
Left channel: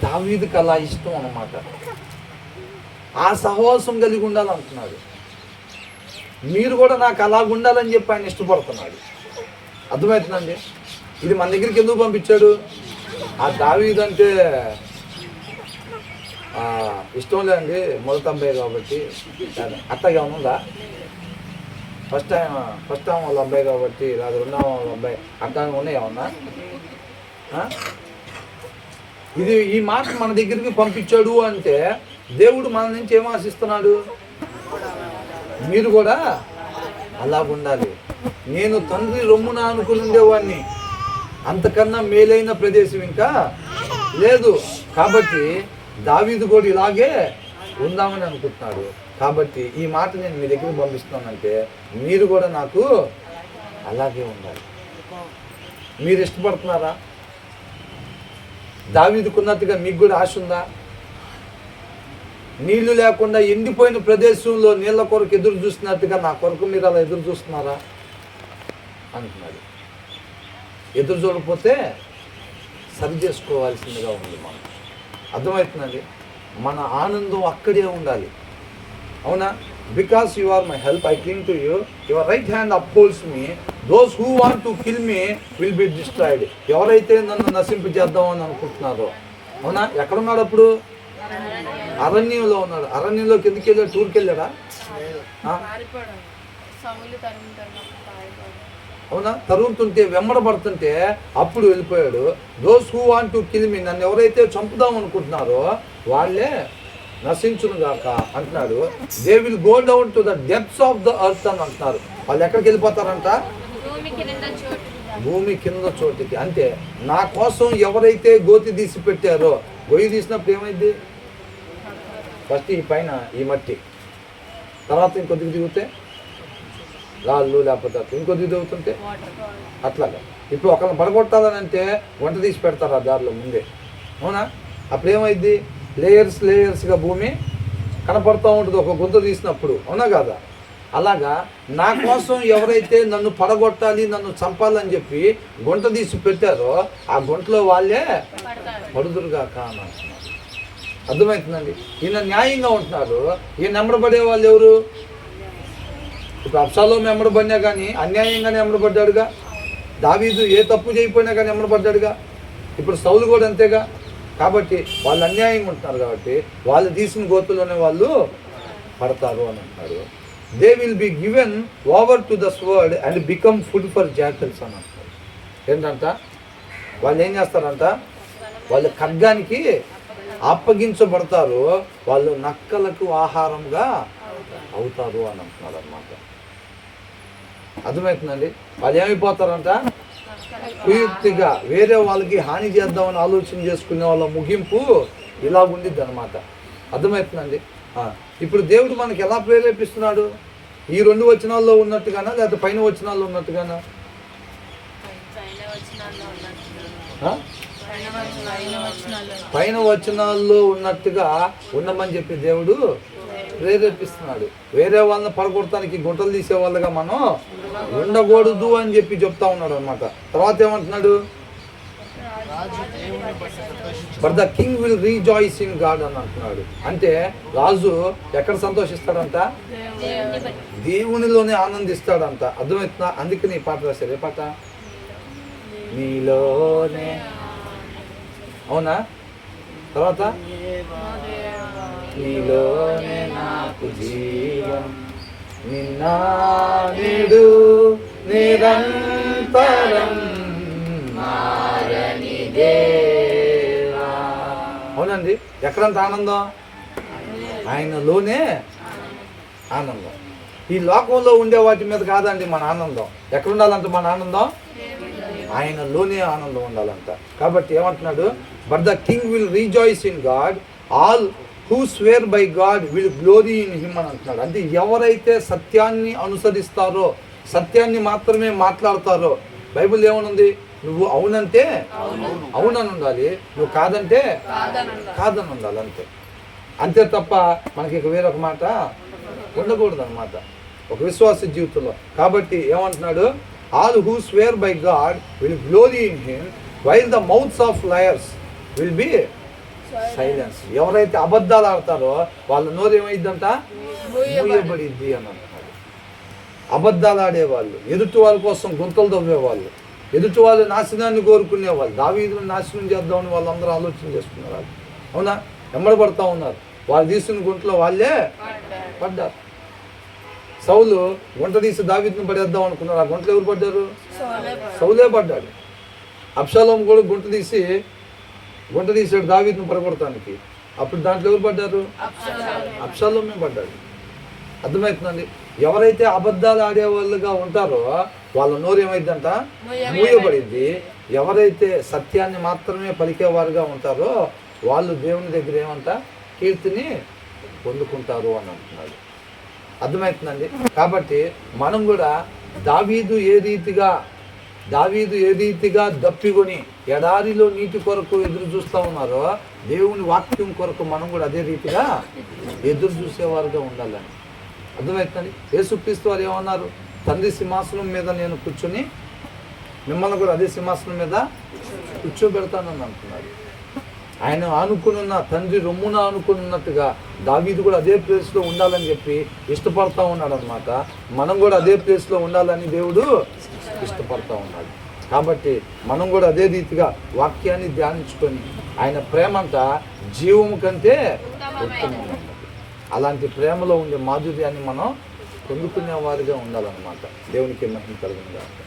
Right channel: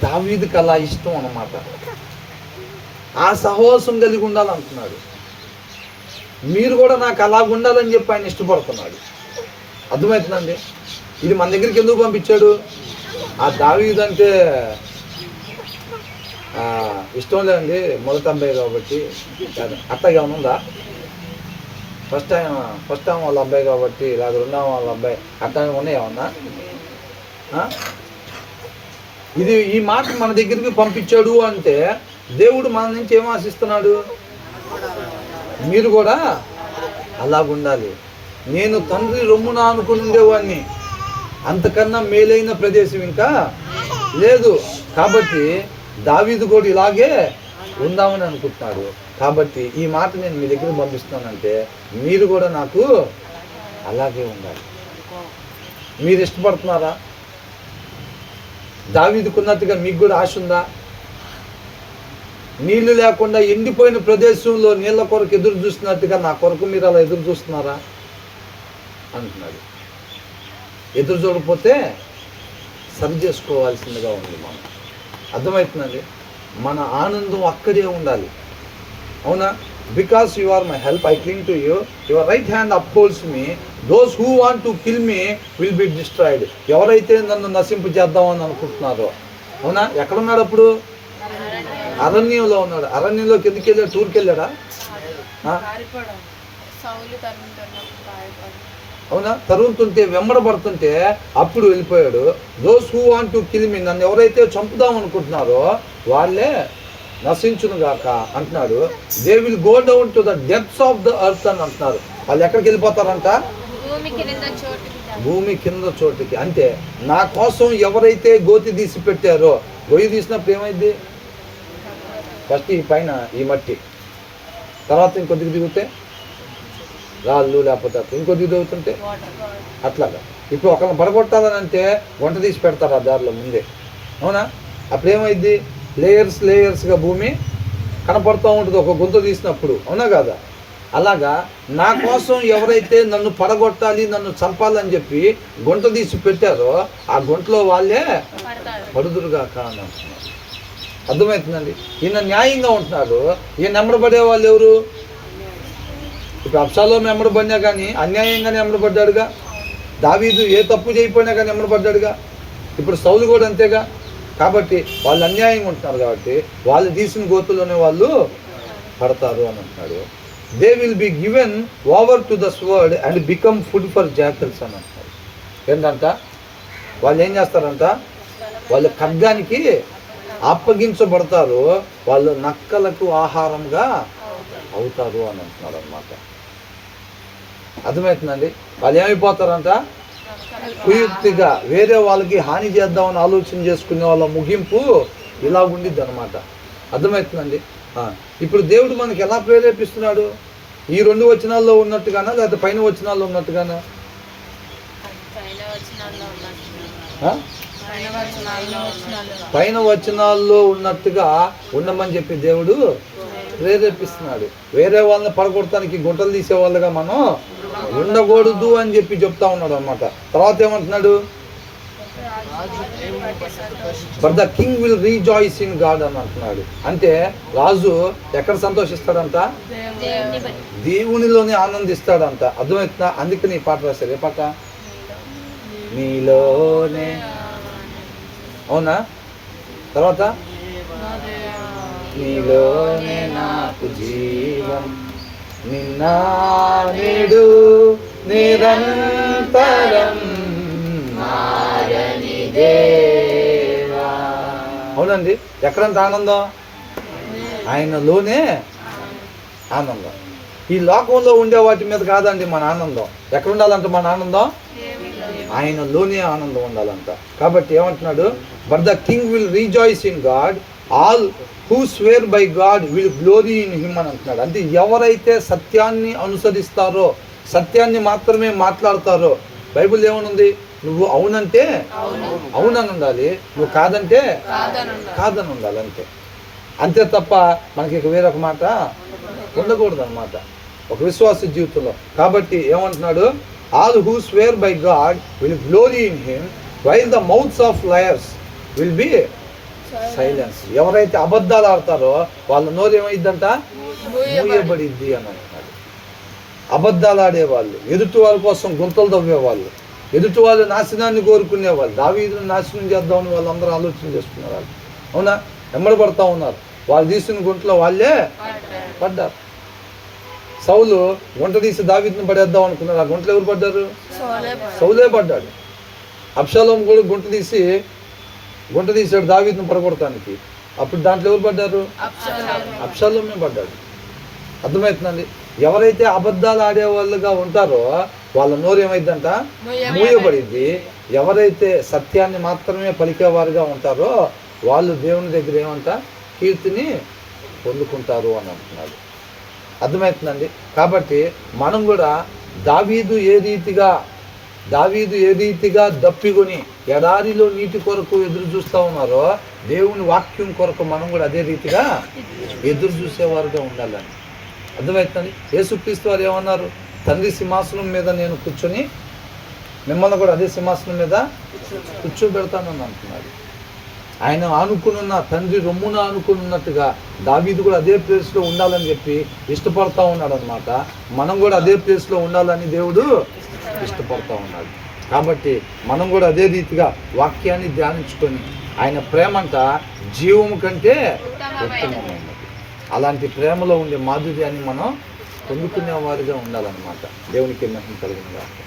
దావీదుకి అలా ఇష్టం అన్నమాట. ఆ సహవాసం కలిగి ఉండాలంటున్నాడు. మీరు కూడా నాకు అలాగ ఉండాలని చెప్పి ఆయన ఇష్టపడుతున్నాడు. అర్థమవుతుందండి? ఇది మన దగ్గరికి ఎందుకు పంపించాడు? ఆ దావీదు అంటే ఇష్టం లేదండి, మొదటి అబ్బాయి కాబట్టి. అత్తగా ఉందా? ఫస్ట్ టైం వాళ్ళ అబ్బాయి కాబట్టి, లేదా రెండవ వాళ్ళ అబ్బాయి అట్లా ఉన్నాయేమన్నా? ఇది ఈ మాట మన దగ్గరికి పంపించాడు అంటే దేవుడు మన నుంచి ఏం ఆశిస్తున్నాడు? మీరు కూడా అలాగుండాలి. నేను తండ్రి రొమ్మున ఆనుకుని ఉండేవాడిని, అంతకన్నా మేలైన ప్రదేశం ఇంకా లేదు. కాబట్టి దావీదు కూడా ఇలాగే ఉందామని అనుకుంటున్నాడు. కాబట్టి ఈ మాట నేను మీ దగ్గర పంపిస్తున్నానంటే మీరు కూడా నాకు అలాగే ఉండాలి. మీరు ఇష్టపడుతున్నారా? దావీదుకున్నట్టుగా మీకు కూడా ఆశ ఉందా? నీళ్లు లేకుండా ఎండిపోయిన ప్రదేశంలో నీళ్ళ కొరకు ఎదురు చూస్తున్నట్టుగా నా కొరకు మీరు అలా ఎదురు చూస్తున్నారా అంటున్నాడు. ఎదురు చూడకపోతే సరి చేసుకోవాల్సిందిగా ఉంది. మనం అర్థమవుతుందండి? మన ఆనందం అక్కడే ఉండాలి. అవునా? Because you are my help, I క్లింగ్ to you, your right hand upholds me, those who want to kill me will be destroyed. ఎవరైతే నన్ను నశింపు చేద్దామని అనుకుంటున్నారో. అవునా? ఎక్కడున్నాడు అప్పుడు? అరణ్యంలో ఉన్నాడు. అరణ్యంలోకి ఎందుకు వెళ్ళాడు? టూర్కి వెళ్ళాడా? అవునా? తరుముతుంటే వెంబడబడుతుంటే అప్పుడు వెళ్ళిపోయాడు. Those who want to kill me, నన్ను ఎవరైతే చంపుదాం అనుకుంటున్నారో వాళ్ళే నశించును గాక అంటున్నాడు. They will go down to the depths of the earth అని అంటున్నారు. వాళ్ళు ఎక్కడికి వెళ్ళిపోతారంట? భూమి కింద చోటుకి. అంటే నా కోసం ఎవరైతే గోతి తీసి పెట్టారో, గొయ్యి తీసినప్పుడు ఏమైంది? ఫస్ట్ ఈ పైన ఈ మట్టి, తర్వాత ఇంకొద్దిగా దిగుతే రాళ్ళు, లేకపోతే ఇంకొద్దిగా దిగుతుంటే అట్లాగా. ఇప్పుడు ఒకరిని పడగొట్టాలని అంటే వంట తీసి పెడతారు ఆ దారిలో ముందే. అవునా? అప్పుడు ఏమైంది? లేయర్స్గా భూమి కనపడుతూ ఉంటుంది ఒక గుంత తీసినప్పుడు. అవునా కాదా? అలాగా నా కోసం ఎవరైతే నన్ను పడగొట్టాలి, నన్ను చంపాలని చెప్పి గుంట తీసి పెట్టారో ఆ గుంటలో వాళ్ళే పడుదురుగాక అని అంటున్నారు. అర్థమవుతుందండి? ఈయన న్యాయంగా ఉంటున్నాడు. ఈయన నెమ్మడబడే వాళ్ళు ఎవరు? ఇప్పుడు అబ్షాలోము నెమ్మడబడినా కానీ అన్యాయంగానే నెమ్మడబడ్డాడుగా. దావీదు ఏ తప్పు చేయకపోయినా కానీ నెమ్మడబడ్డాడుగా. ఇప్పుడు సౌలు కూడా అంతేగా. కాబట్టి వాళ్ళు అన్యాయంగా ఉంటున్నారు కాబట్టి వాళ్ళు తీసిన గోతుల్లోనే వాళ్ళు పడతారు అని అంటున్నాడు. They will be given over to the sword and become food for జాకిల్స్ అని అంటారు. ఏంటంట? వాళ్ళు ఏం చేస్తారంట? వాళ్ళు ఖడ్గానికి అప్పగించబడతారు, వాళ్ళు నక్కలకు ఆహారంగా అవుతారు అని అంటున్నారు అన్నమాట. అర్థమవుతుందండి? వాళ్ళు ఏమైపోతారంట? కుయుక్తిగా వేరే వాళ్ళకి హాని చేద్దామని ఆలోచన చేసుకునే వాళ్ళ ముగింపు ఇలా ఉండిద్ది అనమాట. అర్థమవుతుందండి? ఇప్పుడు దేవుడు మనకి ఎలా ప్రేరేపిస్తున్నాడు? ఈ 2 వచనాల్లో ఉన్నట్టుగానా, లేకపోతే పైన వచనాల్లో ఉన్నట్టుగానా? పైన వచనాల్లో ఉన్నట్టుగా ఉండమని చెప్పి దేవుడు ప్రేరేపిస్తున్నాడు. వేరే వాళ్ళని పడగొడటానికి గుంటలు తీసేవాళ్ళుగా మనం ఉండకూడదు అని చెప్పి చెప్తా ఉన్నాడు అనమాట. తర్వాత ఏమంటున్నాడు? But the king will rejoice in God అని అంటున్నాడు. అంటే రాజు ఎక్కడ సంతోషిస్తాడంట? దేవునిలోనే ఆనందిస్తాడంట. అర్థమవుతుందా? అందుకని ఈ పాట రాశారు. ఏ పాట? నీలోనే. అవునా? తర్వాత నీలోనే నాకు జీవం, నిన్న నేడు నిరంతరం మారని దేవా. అవునండి. ఎక్కడంత ఆనందం? ఆయనలోనే ఆనందం. ఈ లోకంలో ఉండే వాటి మీద కాదండి మన ఆనందం. ఎక్కడ ఉండాలంట మన ఆనందం? ఆయనలోనే ఆనందం ఉండాలంట. కాబట్టి ఏమంటున్నాడు? But the king will rejoice in God, all who square by God will glory in him అని అంటున్నాడు. అంటే ఎవరైతే సత్యాన్ని అనుసరిస్తారో, సత్యాన్ని మాత్రమే మాట్లాడతారో. బైబిల్ ఏమనుంది? నువ్వు అవునంటే అవునని ఉండాలి, నువ్వు కాదంటే కాదని ఉండాలి. అంతే అంతే తప్ప మనకి వేరొక మాట ఉండకూడదు అనమాట ఒక విశ్వాస జీవితంలో. కాబట్టి ఏమంటున్నాడు? All who square by God will glory in him while the mouths of liars will be silence. ఎవరైతే అబద్ధాలు ఆడతారో వాళ్ళ నోరు ఏమైందంట? మూయబడిద్ది అని అంటున్నాడు. అబద్ధాలు ఆడేవాళ్ళు, ఎదుటి వాళ్ళ కోసం గుంతలు తవ్వేవాళ్ళు, ఎదుటి వాళ్ళ నాశనాన్ని కోరుకునేవాళ్ళు, దావీదును నాశనం చేద్దామని వాళ్ళందరూ ఆలోచన చేసుకున్నారు. అవునా? వెంబడబడతా ఉన్నారు. వాళ్ళు తీసిన గుంటలో వాళ్ళే పడ్డారు. సౌలు గుంట తీసి దావీదును పడేద్దాం అనుకున్నారు. ఆ గుంటలో ఎవరు పడ్డారు? సౌలే పడ్డాడు. అబ్షాలోము కూడా గుంట తీసాడు దావీదును పడగొడటానికి. అప్పుడు దాంట్లో ఎవరు పడ్డారు? అబ్షాలోమే పడ్డాడు. అర్థమవుతుందండి? ఎవరైతే అబద్ధాలు ఆడేవాళ్ళుగా ఉంటారో వాళ్ళ నోరు ఏమైందంట? మూయబడింది. ఎవరైతే సత్యాన్ని మాత్రమే పలికేవారుగా ఉంటారో వాళ్ళు దేవుని దగ్గర ఏమంట? కీర్తిని పొందుకుంటారు అని అంటున్నాడు. అర్థమవుతుందండి? కాబట్టి మనం కూడా దావీదు ఏ రీతిగా దప్పికొని ఎడారిలో నీటి కొరకు ఎదురు చూస్తూ ఉన్నారో దేవుని వాక్యం కొరకు మనం కూడా అదే రీతిగా ఎదురు చూసేవారుగా ఉండాలని. అర్థమవుతుందండి? యేసుక్రీస్తు వారు ఏమన్నారు? తండ్రి సింహాసనం మీద నేను కూర్చొని మిమ్మల్ని కూడా అదే సింహాసనం మీద కూర్చోబెడతానని అంటున్నాడు. ఆయన ఆనుకునున్న తండ్రి రొమ్మున ఆనుకున్నట్టుగా దావీదు కూడా అదే ప్లేస్లో ఉండాలని చెప్పి ఇష్టపడతా ఉన్నాడు అనమాట. మనం కూడా అదే ప్లేస్లో ఉండాలని దేవుడు ఇష్టపడతా ఉన్నాడు. కాబట్టి మనం కూడా అదే రీతిగా వాక్యాన్ని ధ్యానించుకొని ఆయన ప్రేమంట జీవము కంటే ఉత్తమమైనది. అలాంటి ప్రేమలో ఉండే మాధుర్యాన్ని మనం పొందుకునే వారిగా ఉండాలన్నమాట. దేవునికి మహిమ కలుగునుగాక.